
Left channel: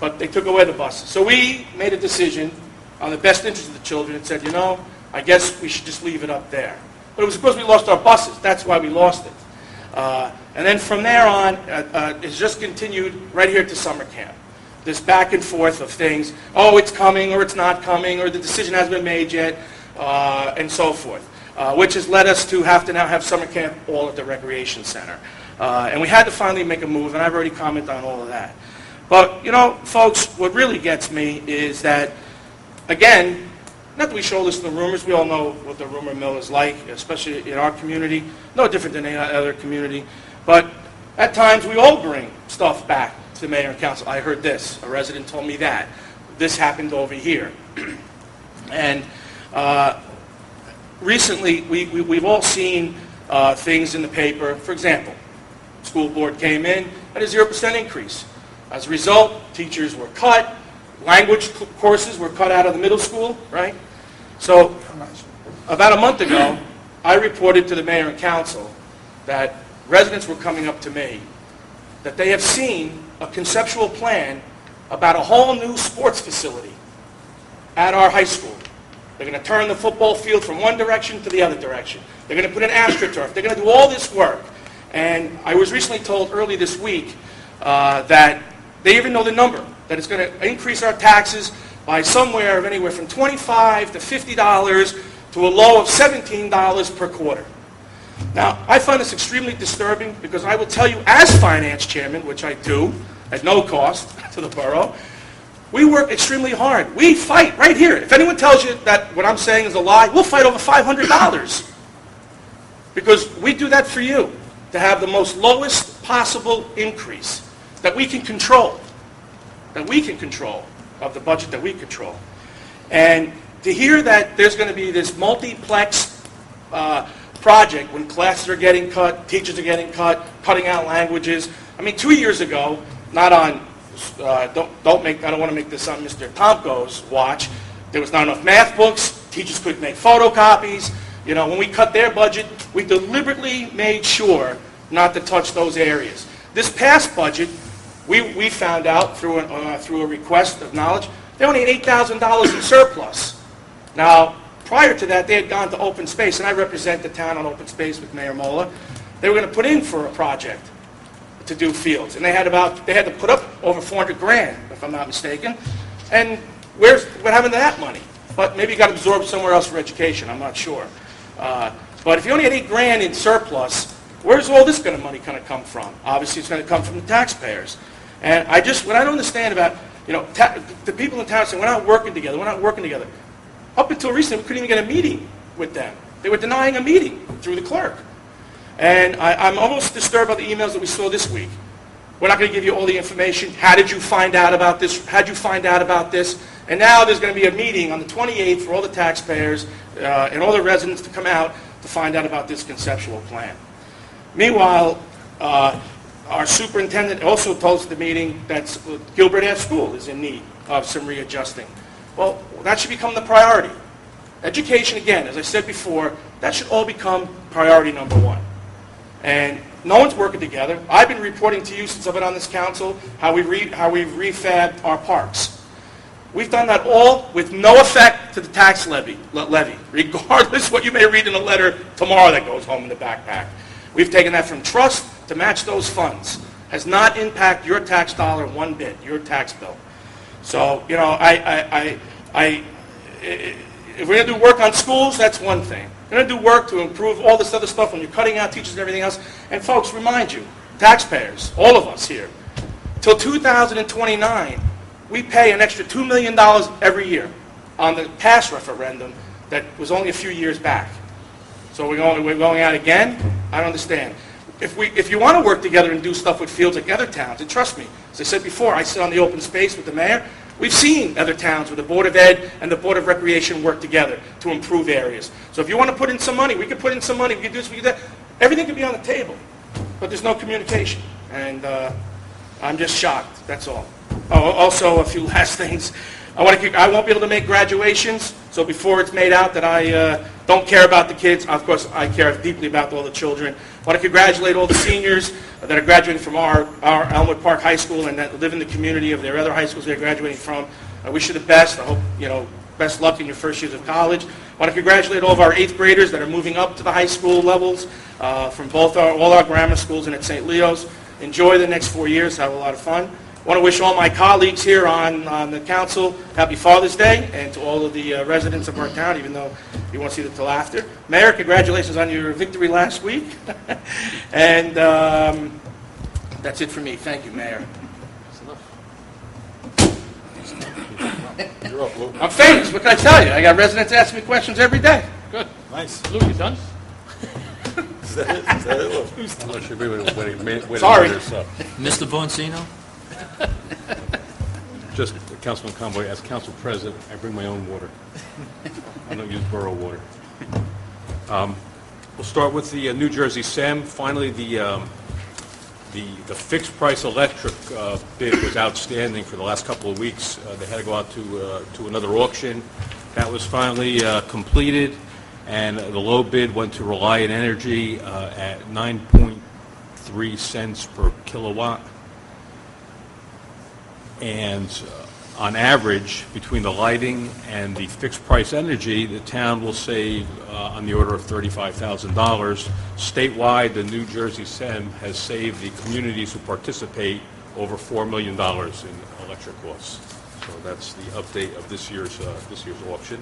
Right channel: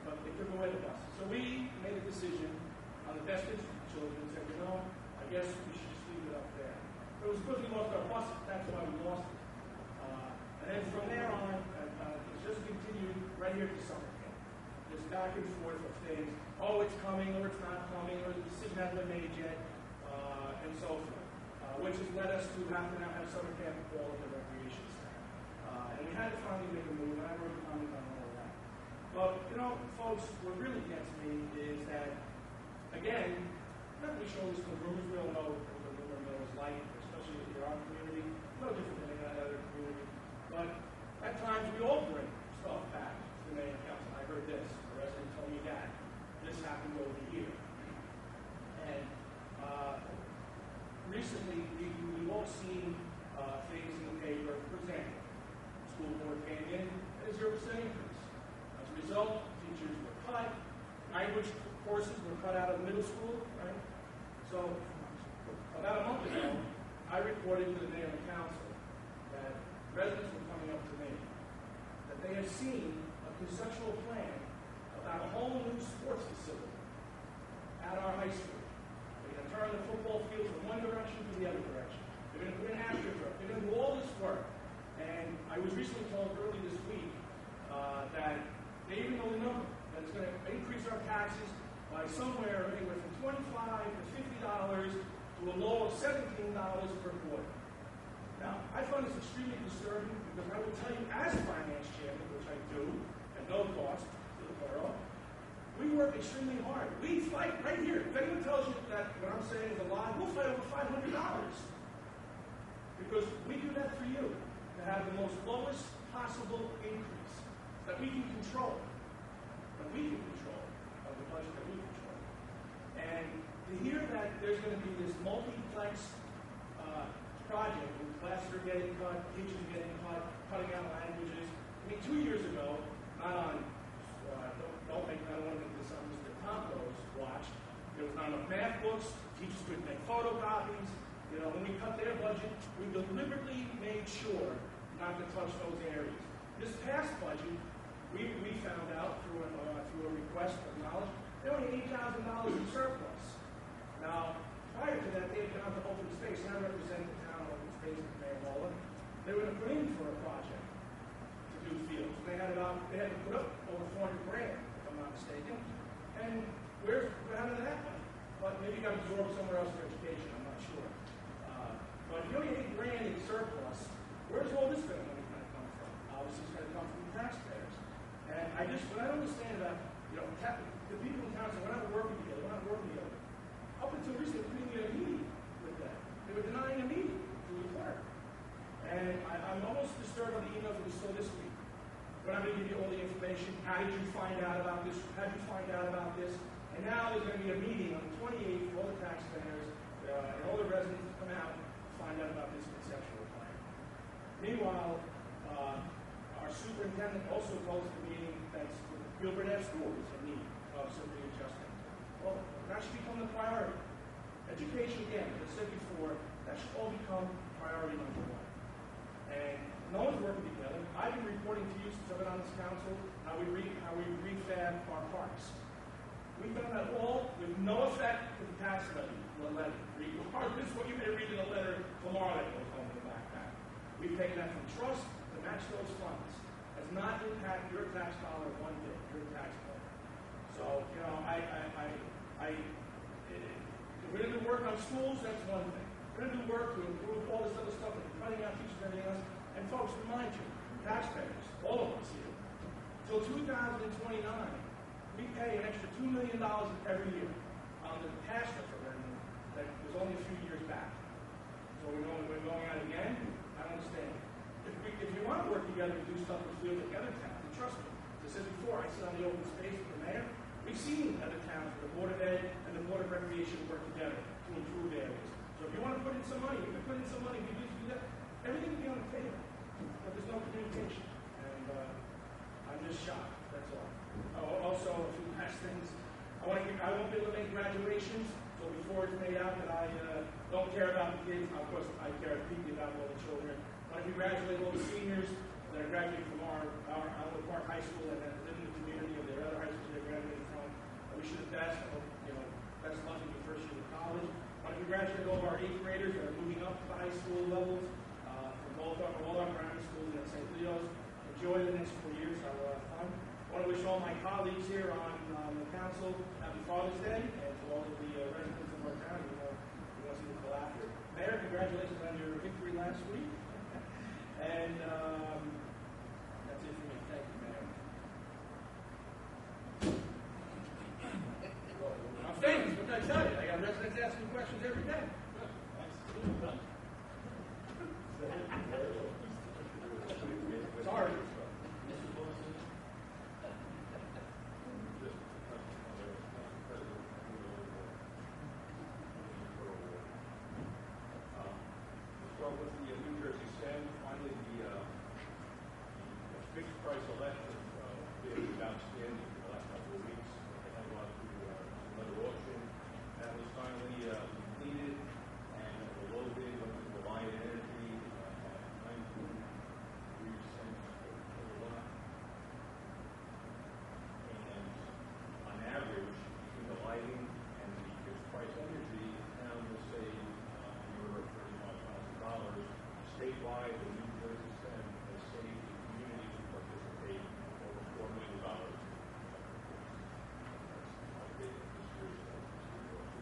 But they took away the buses. So we made a decision on the best interest of the children and said, you know, I guess we should just leave it up there. But it was because we lost our buses. That's why we lost it. And then from there on, it's just continued right here to summer camp. This back and forth of things, oh, it's coming or it's not coming, or the decision hasn't been made yet, and so forth, which has led us to have to now have summer camp all at the recreation center. And we had to finally make a move, and I've already commented on all of that. But, you know, folks, what really gets me is that, again, not that we show this in the rumors, we all know what the rumor mill is like, especially in our community, no different than any other community, but at times we all bring stuff back to the mayor and council. I heard this, a resident told me that, this happened over here. And recently, we've all seen things in the paper. For example, school board came in at a 0% increase. As a result, teachers were cut, language courses were cut out of the middle school, right? So about a month ago, I reported to the mayor and council that residents were coming up to me that they have seen a conceptual plan about a whole new sports facility at our high school. They're going to turn the football field from one direction to the other direction. They're going to put in AstroTurf. They're going to do all this work. And I was recently told early this week that they even know the number, that it's going to increase our taxes by somewhere of anywhere from $25 to $50 to a low of $17 per quarter. Now, I find this extremely disturbing because I will tell you as finance chairman, which I do, at no cost to the borough. We work extremely hard. We fight right here. If anyone tells you that what I'm saying is a lie, we'll fight over $500. Because we do that for you, to have the most lowest possible increase that we can control, of the budget that we control. And to hear that there's going to be this multiplex project when classes are getting cut, teachers are getting cut, cutting out languages. I mean, 2 years ago, not on, I don't want to make this on Mr. Tomko's watch, there was not enough math books, teachers couldn't make photocopies. You know, when we cut their budget, we deliberately made sure not to touch those areas. This past budget, we found out through a request of knowledge, they only had $8,000 in surplus. Now, prior to that, they had gone to open space, and I represent the town on open space with Mayor Mola. They were going to put in for a project to do fields, and they had to put up over $400,000, if I'm not mistaken. And what happened to that money? But maybe it got absorbed somewhere else for education. I'm not sure. But if you only had $8,000 in surplus, where's all this money going to come from? Obviously, it's going to come from the taxpayers. And what I don't understand about, the people in town saying, we're not working together. Up until recently, we couldn't even get a meeting with them. They were denying a meeting through the clerk. And I'm almost disturbed by the emails that we saw this week. We're not going to give you all the information. How did you find out about this? How'd you find out about this? And now there's going to be a meeting on the 28th for all the taxpayers and all the residents to come out to find out about this conceptual plan. Meanwhile, our superintendent also told us at the meeting that Gilbert Ave School is in need of some readjusting. Well, that should become the priority. Education, again, as I said before, that should all become priority number one. And no one's working together. I've been reporting to you since I've been on this council how we've refabbed our parks. We've done that all with no effect to the tax levy, regardless what you may read in a letter tomorrow that goes home in the backpack. We've taken that from trust to match those funds. Has not impacted your tax dollar one bit, your tax bill. So, if we're going to do work on schools, that's one thing. We're going to do work to improve all this other stuff when you're cutting out teachers and everything else. And folks, remind you, taxpayers, all of us here, till 2029, we pay an extra $2 million every year on the past referendum that was only a few years back. So we're going out again? I don't understand. If you want to work together and do stuff with fields like other towns, and trust me, as I said before, I sit on the open space with the mayor. We've seen other towns where the Board of Ed and the Board of Recreation work together to improve areas. So if you want to put in some money, we can put in some money. We can do this, we can do that. Everything can be on the table, but there's no communication. And I'm just shocked, that's all. Oh, also, a few last things. I won't be able to make graduations, so before it's made out that I don't care about the kids, of course I care deeply about all the children. I want to congratulate all the seniors that are graduating from our Elmwood Park High School and that live in the community of their other high schools they're graduating from. I wish you the best. I hope, best luck in your first years of college. I want to congratulate all of our 8th graders that are moving up to the high school levels from all our grammar schools and at St. Leo's. Enjoy the next 4 years. Have a lot of fun. I want to wish all my colleagues here on the council happy Father's Day, and to all of the residents of our town, even though you won't see them till after. Mayor, congratulations on your victory last week. And that's it for me. Thank you, Mayor. You're up, Lou. I'm famous. What can I tell you? I got residents asking me questions every day. Good. Nice. Lou, you done? Is that it, Lou? I'm not sure if anybody waited Sorry. this up. Mr. Boncino? Just, Councilman Conboy, as council president, I bring my own water. I don't use borough water. We'll start with the New Jersey SEM. Finally, the fixed price electric bid was outstanding for the last couple of weeks. They had to go out to another auction. That was finally completed, and the low bid went to Reliant Energy at 9.3 cents per kilowatt. And on average, between the lighting and the fixed price energy, the town will save on the order of $35,000. Statewide, the New Jersey SEM has saved the communities who participate over $4 million in electric costs. So that's the update of this year's auction.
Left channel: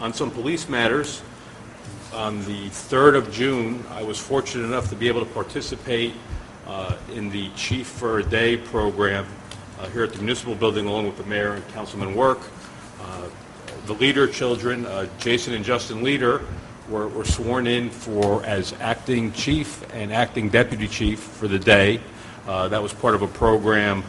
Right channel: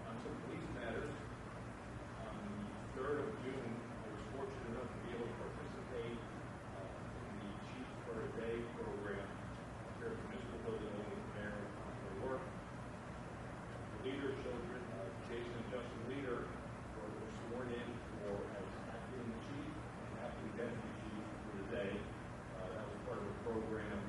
On some police matters, on the 3rd of June, I was fortunate enough to be able to participate in the Chief for a Day program here at the Municipal Building, along with the Mayor and Councilman Work. The Leader children, Jason and Justin Leader, were sworn in as acting chief and acting deputy chief for the day. That was part of a program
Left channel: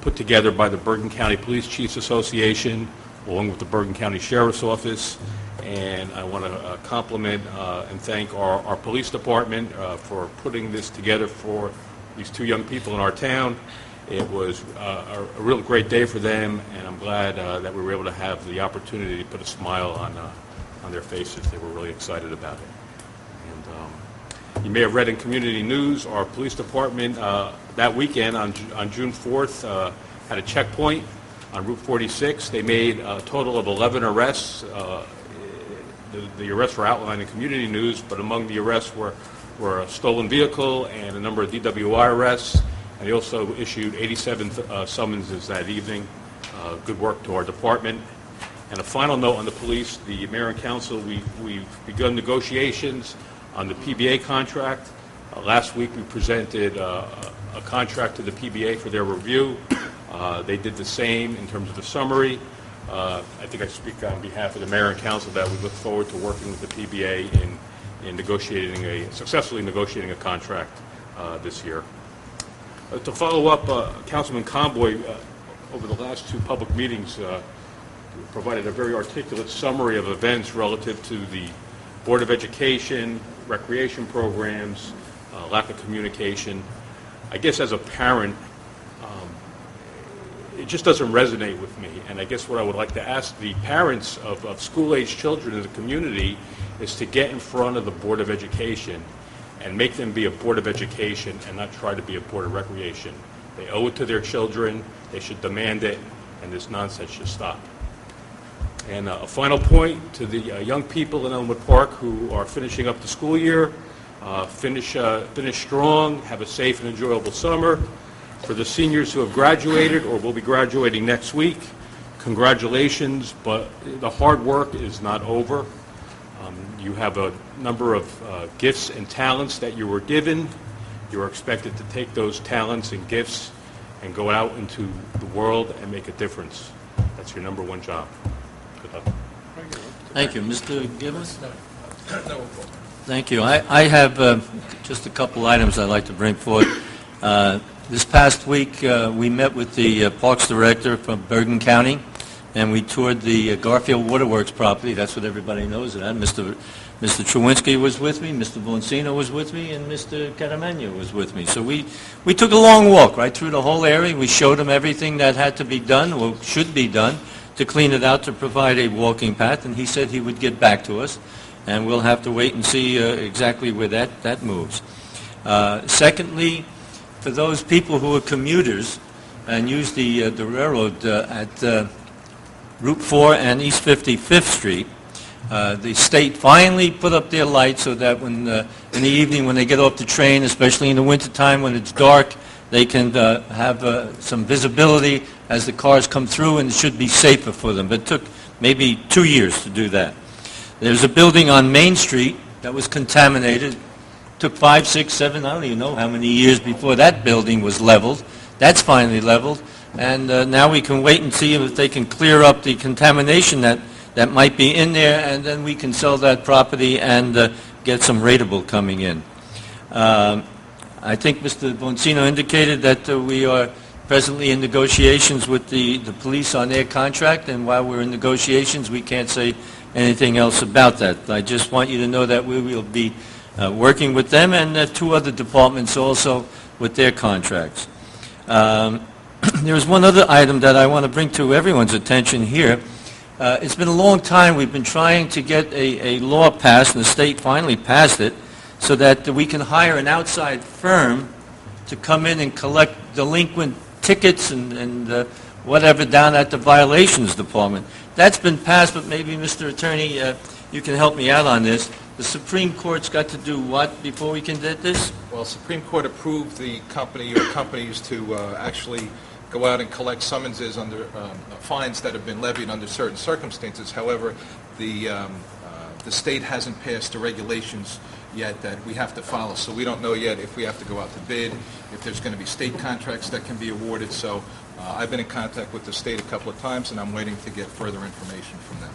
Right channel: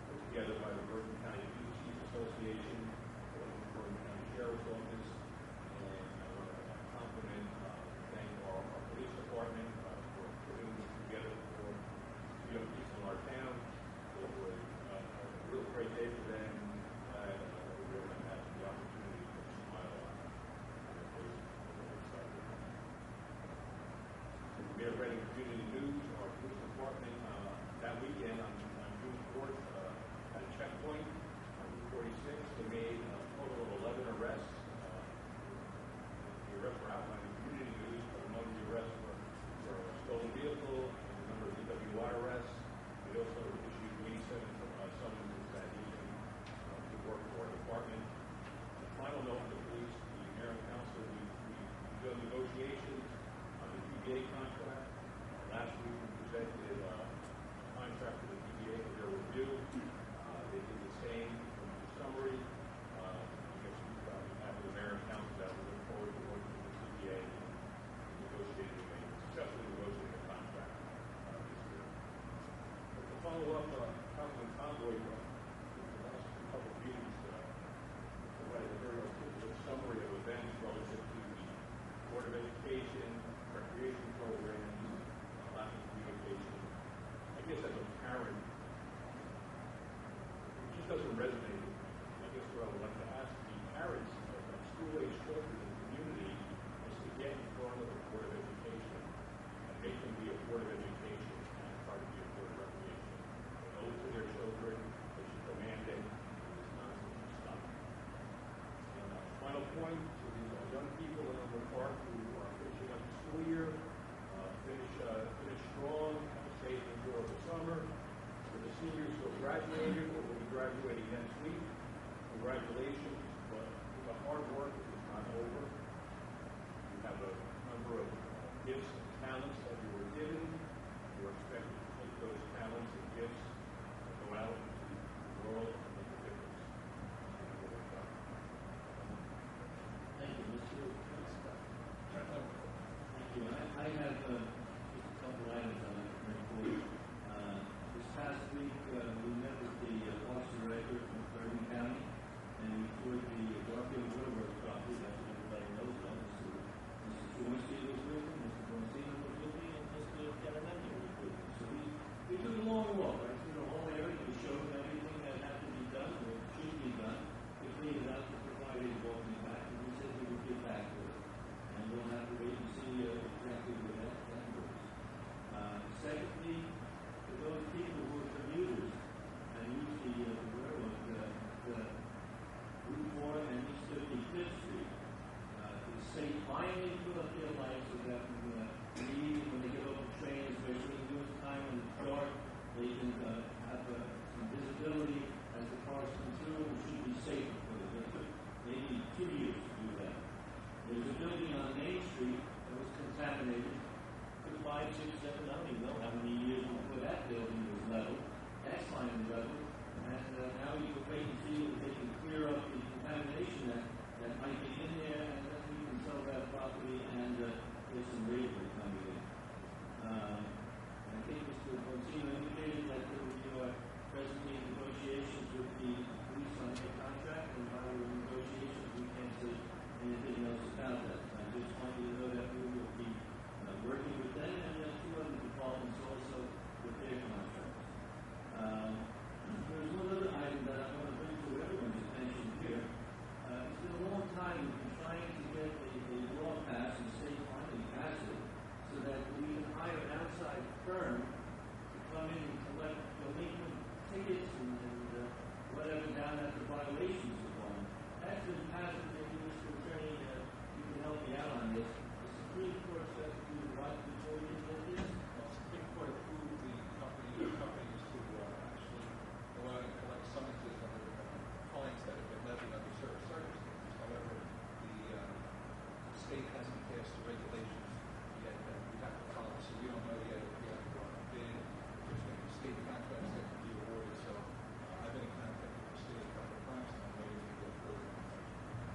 put together by the Bergen County Police Chiefs Association, along with the Bergen County Sheriff's Office. And I want to compliment and thank our police department for putting this together for these two young people in our town. It was a real great day for them, and I'm glad that we were able to have the opportunity to put a smile on their faces. They were really excited about it. And you may have read in community news, our police department that weekend on June 4th had a checkpoint on Route 46. They made a total of 11 arrests. The arrests were outlined in community news, but among the arrests were a stolen vehicle and a number of DWI arrests. And they also issued 87 summonses that evening. Good work to our department. And a final note on the police, the mayor and council, we've begun negotiations on the PBA contract. Last week we presented a contract to the PBA for their review. They did the same in terms of the summary. I think I speak on behalf of the mayor and council that we look forward to working with the PBA in successfully negotiating a contract this year. To follow up, Councilman Conboy, over the last two public meetings, provided a very articulate summary of events relative to the Board of Education, recreation programs, lack of communication. I guess as a parent, it just doesn't resonate with me. And I guess what I would like to ask the parents of school-age children in the community is to get in front of the Board of Education and make them be a Board of Education and not try to be a Board of Recreation. They owe it to their children, they should demand it, and this nonsense should stop. And a final point to the young people in Elmwood Park who are finishing up the school year, finish strong, have a safe and enjoyable summer. For the seniors who have graduated or will be graduating next week, congratulations, but the hard work is not over. You have a number of gifts and talents that you were given. You are expected to take those talents and gifts and go out into the world and make a difference. That's your number one job. Good luck. Thank you. Mr. Gibbons? Thank you. I have just a couple items I'd like to bring forward. This past week, we met with the Parks Director from Bergen County, and we toured the Garfield Waterworks property. That's what everybody knows it. Mr. Chewinski was with me, Mr. Boncino was with me, and Mr. Caramagna was with me. So we took a long walk right through the whole area. We showed him everything that had to be done, or should be done, to clean it out, to provide a walking path, and he said he would get back to us, and we'll have to wait and see exactly where that moves. Secondly, for those people who are commuters and use the railroad at Route 4 and East 55th Street, the state finally put up their lights so that when in the evening when they get off the train, especially in the wintertime when it's dark, they can have some visibility as the cars come through, and it should be safer for them. But it took maybe 2 years to do that. There's a building on Main Street that was contaminated. Took 5, 6, 7, I don't even know how many years before that building was leveled. That's finally leveled. And now we can wait and see if they can clear up the contamination that might be in there, and then we can sell that property and get some rateable coming in. I think Mr. Boncino indicated that we are presently in negotiations with the police on their contract, and while we're in negotiations, we can't say anything else about that. I just want you to know that we will be working with them and two other departments also with their contracts. There's one other item that I want to bring to everyone's attention here. It's been a long time we've been trying to get a law passed, and the state finally passed it, so that we can hire an outside firm to come in and collect delinquent tickets and whatever down at the violations department. That's been passed, but maybe, Mr. Attorney, you can help me out on this. The Supreme Court's got to do what before we can get this? Well, Supreme Court approved the company or companies to actually go out and collect summonses under fines that have been levied under certain circumstances. However, the state hasn't passed the regulations yet that we have to follow. So we don't know yet if we have to go out to bid, if there's going to be state contracts that can be awarded. So I've been in contact with the state a couple of times, and I'm waiting to get further information from them.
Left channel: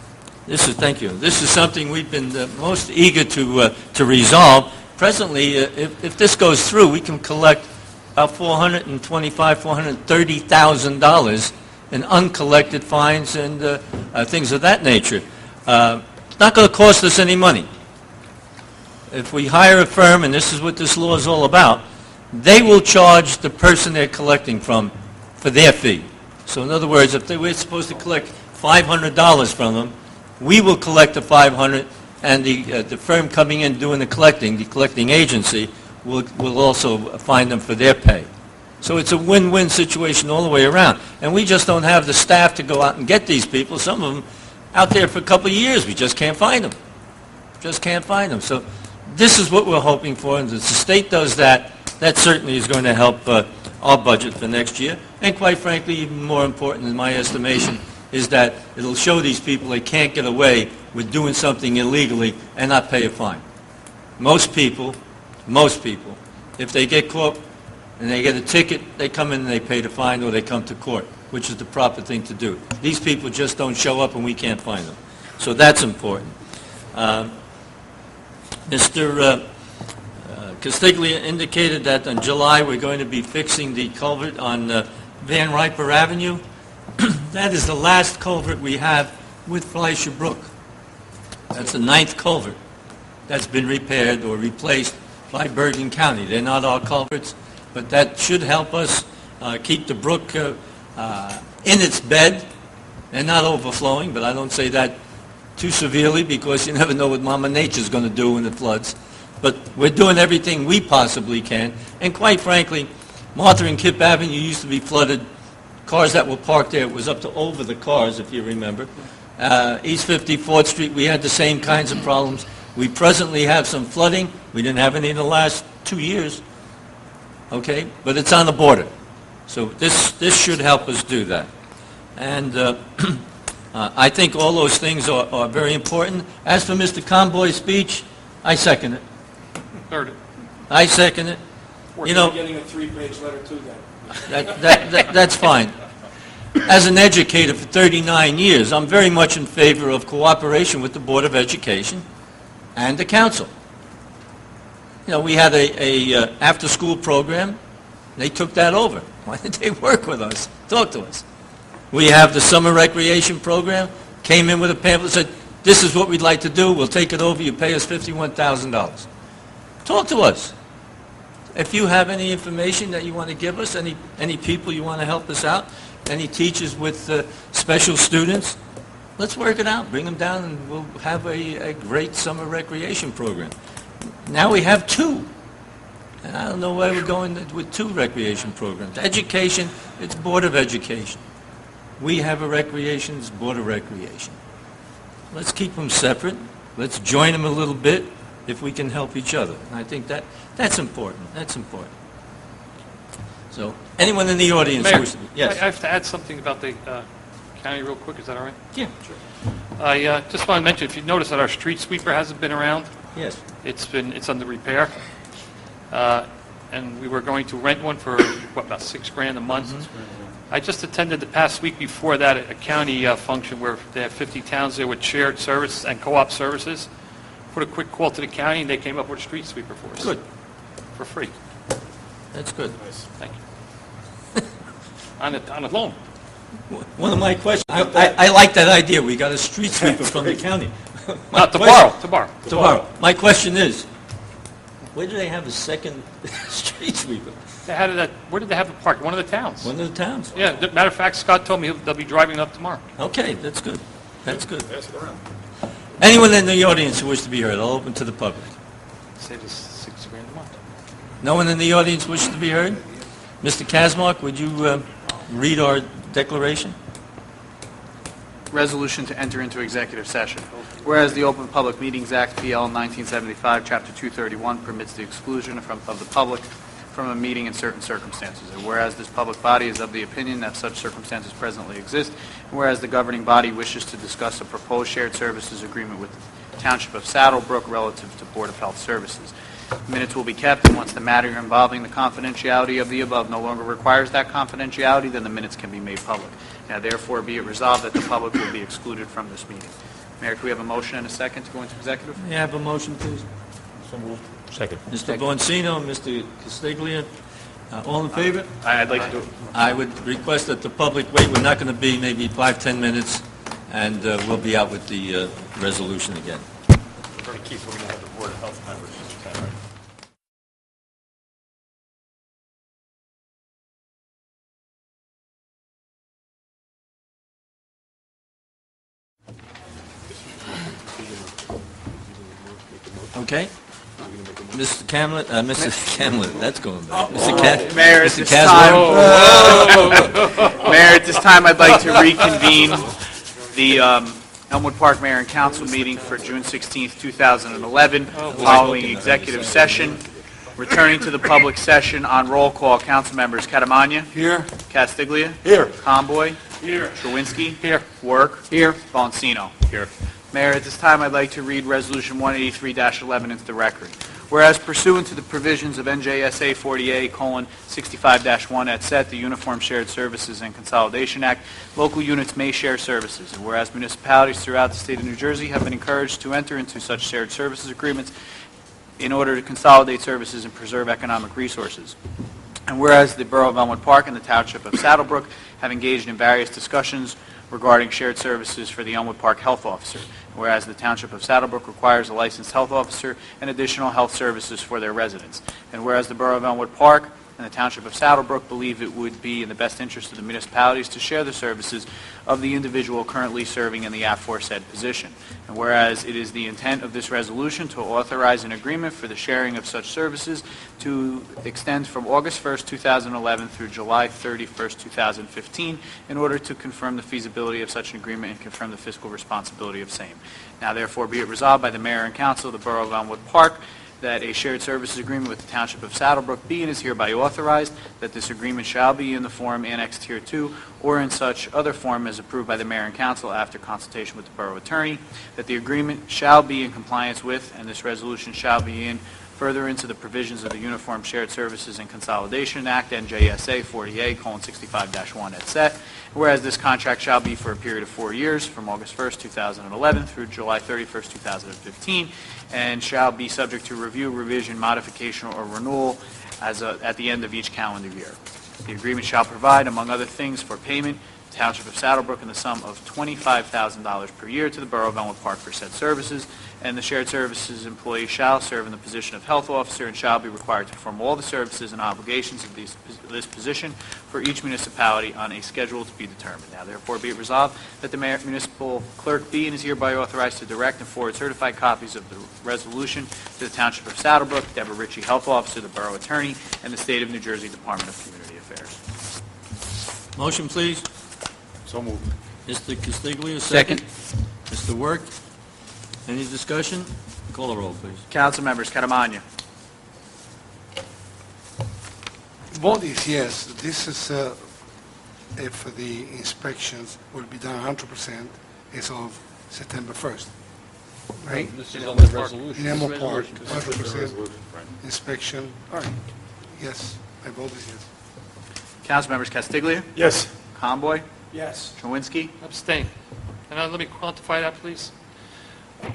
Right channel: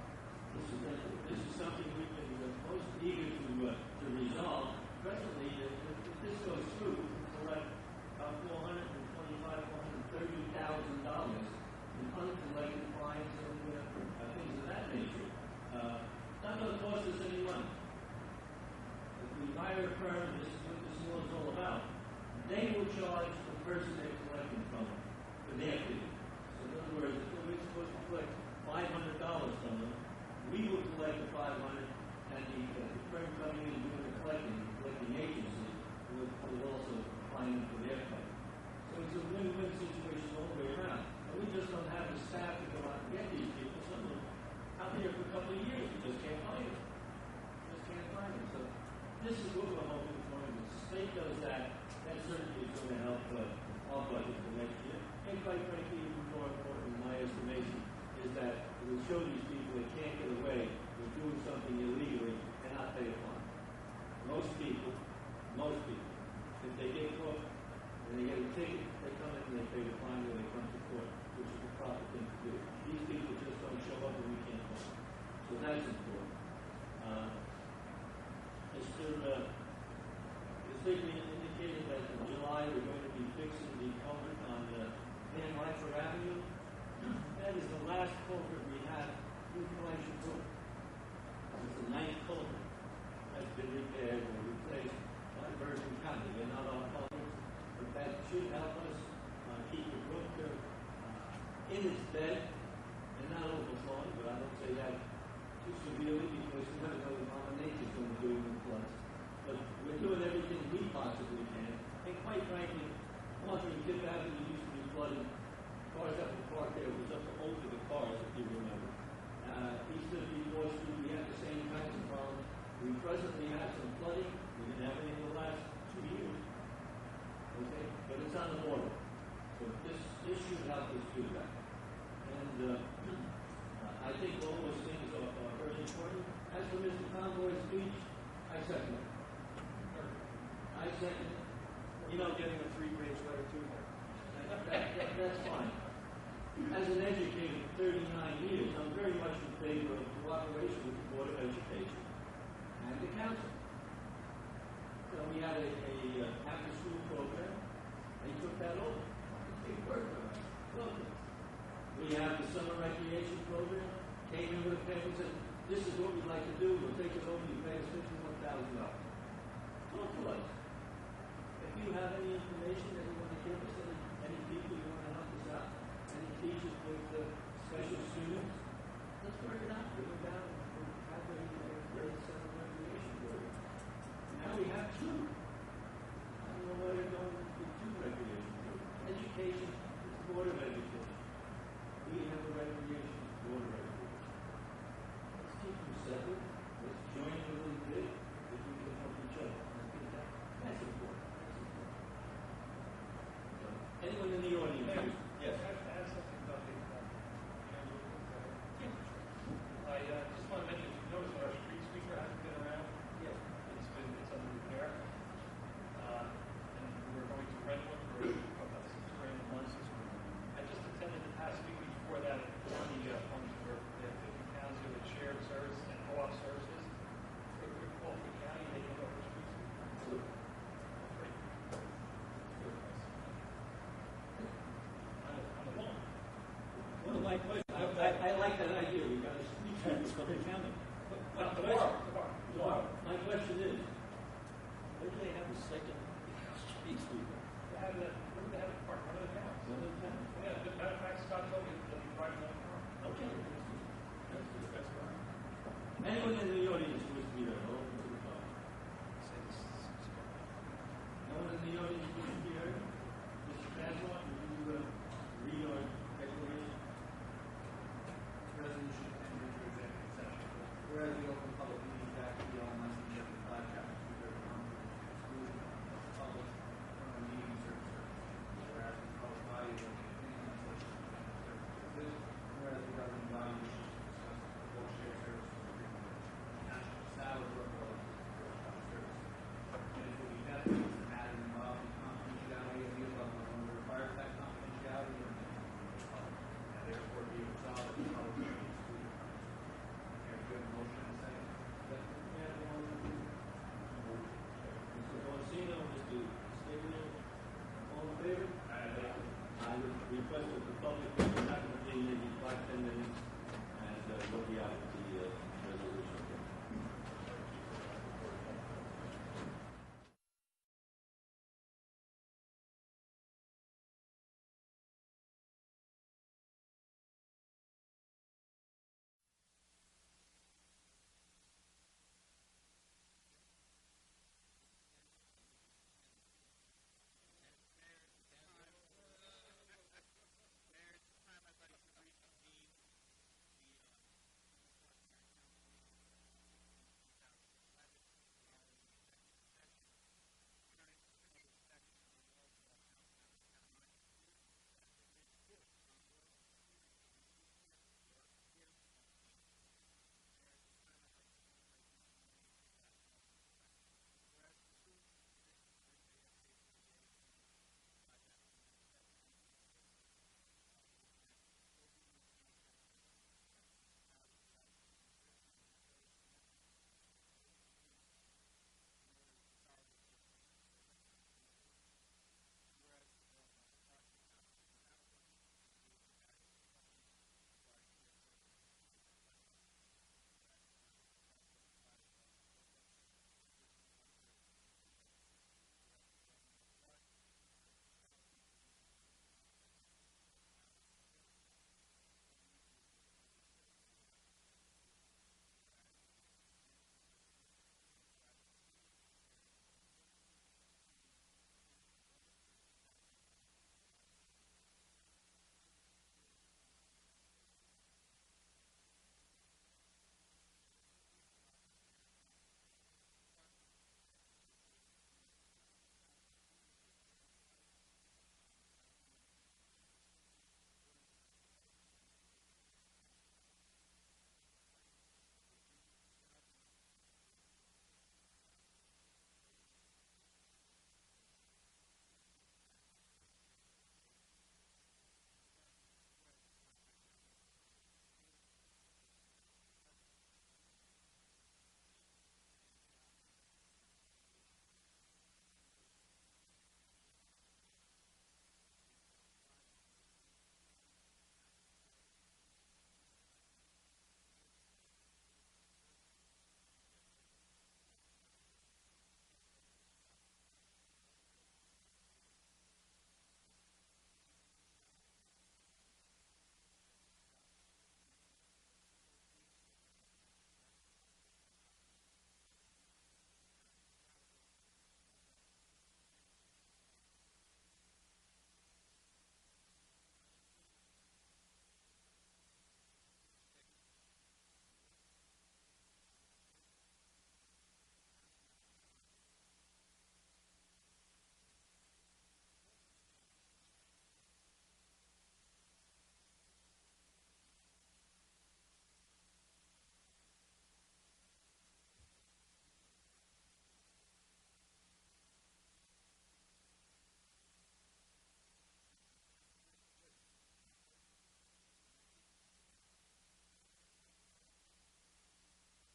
Thank you. This is something we've been most eager to resolve. Presently, if this goes through, we can collect about $430,000 in uncollected fines and things of that nature. It's not going to cost us any money. If we hire a firm, and this is what this law is all about, they will charge the person they're collecting from for their fee. So in other words, if we're supposed to collect $500 from them, we will collect the $500, and the firm coming in doing the collecting agency, will also fine them for their pay. So it's a win-win situation all the way around. And we just don't have the staff to go out and get these people. Some of them out there for a couple of years. We just can't find them. Just can't find them. So this is what we're hoping for. And if the state does that, that certainly is going to help our budget for next year. And quite frankly, even more important in my estimation, is that it'll show these people they can't get away with doing something illegally and not pay a fine. Most people, if they get caught and they get a ticket, they come in and they pay the fine, or they come to court, which is the proper thing to do. These people just don't show up and we can't find them. So that's important. Mr. Castiglia indicated that in July we're going to be fixing the culvert on Van Riper Avenue. That is the last culvert we have with Fleischer Brook. That's the 9th culvert that's been repaired or replaced by Bergen County. They're not our culverts, but that should help us keep the brook in its bed and not overflowing, but I don't say that too severely because you never know what Mama Nature's going to do when it floods. But we're doing everything we possibly can, and quite frankly, Martha and Kip Avenue used to be flooded. Cars that were parked there, it was up to over the cars, if you remember. East 54th Street, we had the same kinds of problems. We presently have some flooding. We didn't have any in the last 2 years, okay? But it's on the border. So this should help us do that. And I think all those things are very important. As for Mr. Conboy's speech, I second it. Third. I second it. We're You know, getting a 3-page letter too then. That's fine. As an educator for 39 years, I'm very much in favor of cooperation with the Board of Education and the council. You know, we had a after-school program. They took that over. Why didn't they work with us, talk to us? We have the summer recreation program, came in with a pamphlet, said, this is what we'd like to do, we'll take it over, you pay us $51,000. Talk to us. If you have any information that you want to give us, any people you want to help us out, any teachers with special students, let's work it out. Bring them down and we'll have a great summer recreation program. Now we have 2. And I don't know why we're going with 2 recreation programs. Education, it's Board of Education. We have a recreation, it's Board of Recreation. Let's keep them separate. Let's join them a little bit if we can help each other. And I think that's important. That's important. So, anyone in the audience Mayor, wish to be? Yes. I have to add something about the county real quick. Is that all right? Yeah, sure. I just want to mention, if you notice that our street sweeper hasn't been around, Yes. it's under repair. And we were going to rent one for, about $6,000 a month. I just attended the past week before that a county function where they have 50 towns there with shared services and co-op services. Put a quick call to the county, and they came up with a street sweeper for us. Good. For free. That's good. Thank you. on a loan. One of my questions, I like that idea. We got a street sweeper from the county. My Not to question- borrow. To borrow. My question is, where do they have a second street sweeper? They had it at, where did they have it parked? One of the towns. One of the towns? Yeah, matter of fact, Scott told me they'll be driving up tomorrow. Okay, that's good. That's good. Anyone in the audience who wishes to be heard, I'll open to the public. Save us $6,000 a month. No one in the audience wishes to be heard? Mr. Kazmark, would you read our declaration? Resolution to enter into executive session. Whereas the Open Public Meetings Act, PL 1975, Chapter 231, permits the exclusion of the public from a meeting in certain circumstances. And whereas this public body is of the opinion that such circumstances presently exist, and whereas the governing body wishes to discuss a proposed shared services agreement with the Township of Saddlebrook relative to Board of Health Services. Minutes will be kept, and once the matter involving the confidentiality of the above no longer requires that confidentiality, then the minutes can be made public. Now therefore be it resolved that the public will be excluded from this meeting. Mayor, can we have a motion and a second to go into executive? May I have a motion, please? Second. Mr. Boncino, Mr. Castiglia, all in favor? I'd like to do it. I would request that the public wait. We're not going to be maybe 5-10 minutes, and we'll be out with the resolution again. Keith, we're going to have the Board of Health members. Is that right? Okay? Mr. Camlet, Mrs. Camlet, that's going back. Mr. Mayor, at Mr. this Caswell? time, Mayor, at this time, I'd like to reconvene the Elmwood Park Mayor and Council meeting for June 16th, 2011, following executive session. Returning to the public session on roll call, council members Catamagna, Here. Castiglia, Here. Conboy, Trewinski, Here. Work, Here. Boncino. Here. Mayor, at this time, I'd like to read Resolution 183-11 into the record. Whereas pursuant to the provisions of NJSA 48:65-1 et seq., the Uniform Shared Services and Consolidation Act, local units may share services. And whereas municipalities throughout the state of New Jersey have been encouraged to enter into such shared services agreements in order to consolidate services and preserve economic resources. And whereas the Borough of Elmwood Park and the Township of Saddlebrook have engaged in various discussions regarding shared services for the Elmwood Park Health Officer. Whereas the Township of Saddlebrook requires a licensed health officer and additional health services for their residents. And whereas the Borough of Elmwood Park and the Township of Saddlebrook believe it would be in the best interest of the municipalities to share the services of the individual currently serving in the aforesaid position. And whereas it is the intent of this resolution to authorize an agreement for the sharing of such services to extend from August 1st, 2011 through July 31st, 2015, in order to confirm the feasibility of such an agreement and confirm the fiscal responsibility of same. Now therefore be it resolved by the Mayor and Council of the Borough of Elmwood Park that a shared services agreement with the Township of Saddlebrook be and is hereby authorized, that this agreement shall be in the form annexed here to, or in such other form as approved by the Mayor and Council after consultation with the Borough Attorney, that the agreement shall be in compliance with, and this resolution shall be in furtherance of the provisions of the Uniform Shared Services and Consolidation Act, NJSA 48:65-1 et seq. Whereas this contract shall be for a period of 4 years, from August 1st, 2011 through July 31st, 2015, and shall be subject to review, revision, modification, or renewal at the end of each calendar year. The agreement shall provide, among other things, for payment to the Township of Saddlebrook in the sum of $25,000 per year to the Borough of Elmwood Park for said services, and the shared services employee shall serve in the position of health officer and shall be required to perform all the services and obligations of this position for each municipality on a schedule to be determined. Now therefore be it resolved that the municipal clerk be and is hereby authorized to direct and forward certified copies of the resolution to the Township of Saddlebrook, Deborah Ritchie, Health Officer, the Borough Attorney, and the State of New Jersey Department of Community Affairs. Motion, please. So moved. Mr. Castiglia, Second. Mr. Work, any discussion? Call the roll, please. Council members, Catamagna. Vote is yes. This is if the inspections will be done 100% as of September 1st. Right? This is on the resolution. In Elmwood Park, Resolution, 100% right. inspection. All right. Yes, my vote is yes. Council members, Castiglia, Yes. Conboy, Yes. Trewinski, Abstain. And let me quantify that, please.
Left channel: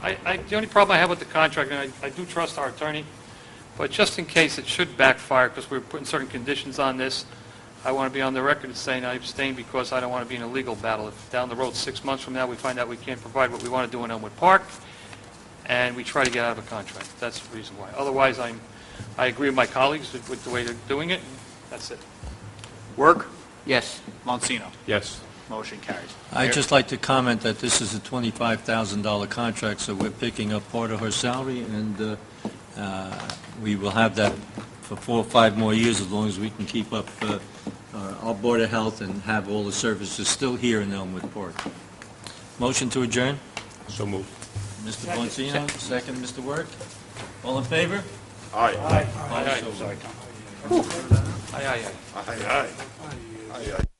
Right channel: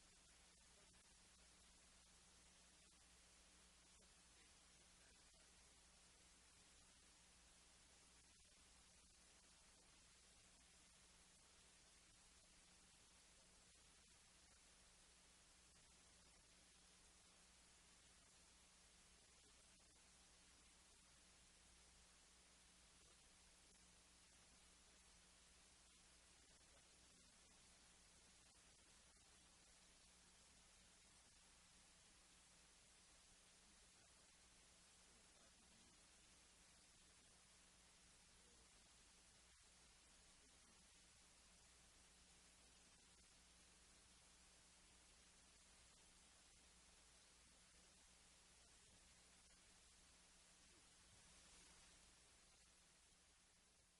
The only problem I have with the contract, and I do trust our attorney, but just in case it should backfire, because we're putting certain conditions on this, I want to be on the record as saying I abstain because I don't want to be in a legal battle. If down the road, 6 months from now, we find out we can't provide what we want to do in Elmwood Park, and we try to get out of a contract. That's the reason why. Otherwise, I agree with my colleagues with the way they're doing it, and that's it. Work, Yes. Monsino. Yes. Motion carries. I'd just like to comment that this is a $25,000 contract, so we're picking up part of her salary, and we will have that for 4 or 5 more years as long as we can keep up our Board of Health and have all the services still here in Elmwood Park. Motion to adjourn? So moved. Mr. Boncino, second, Mr. Work. All in favor? Aye. Aye. So voted. Aye, aye, aye. Aye, aye. Aye, aye.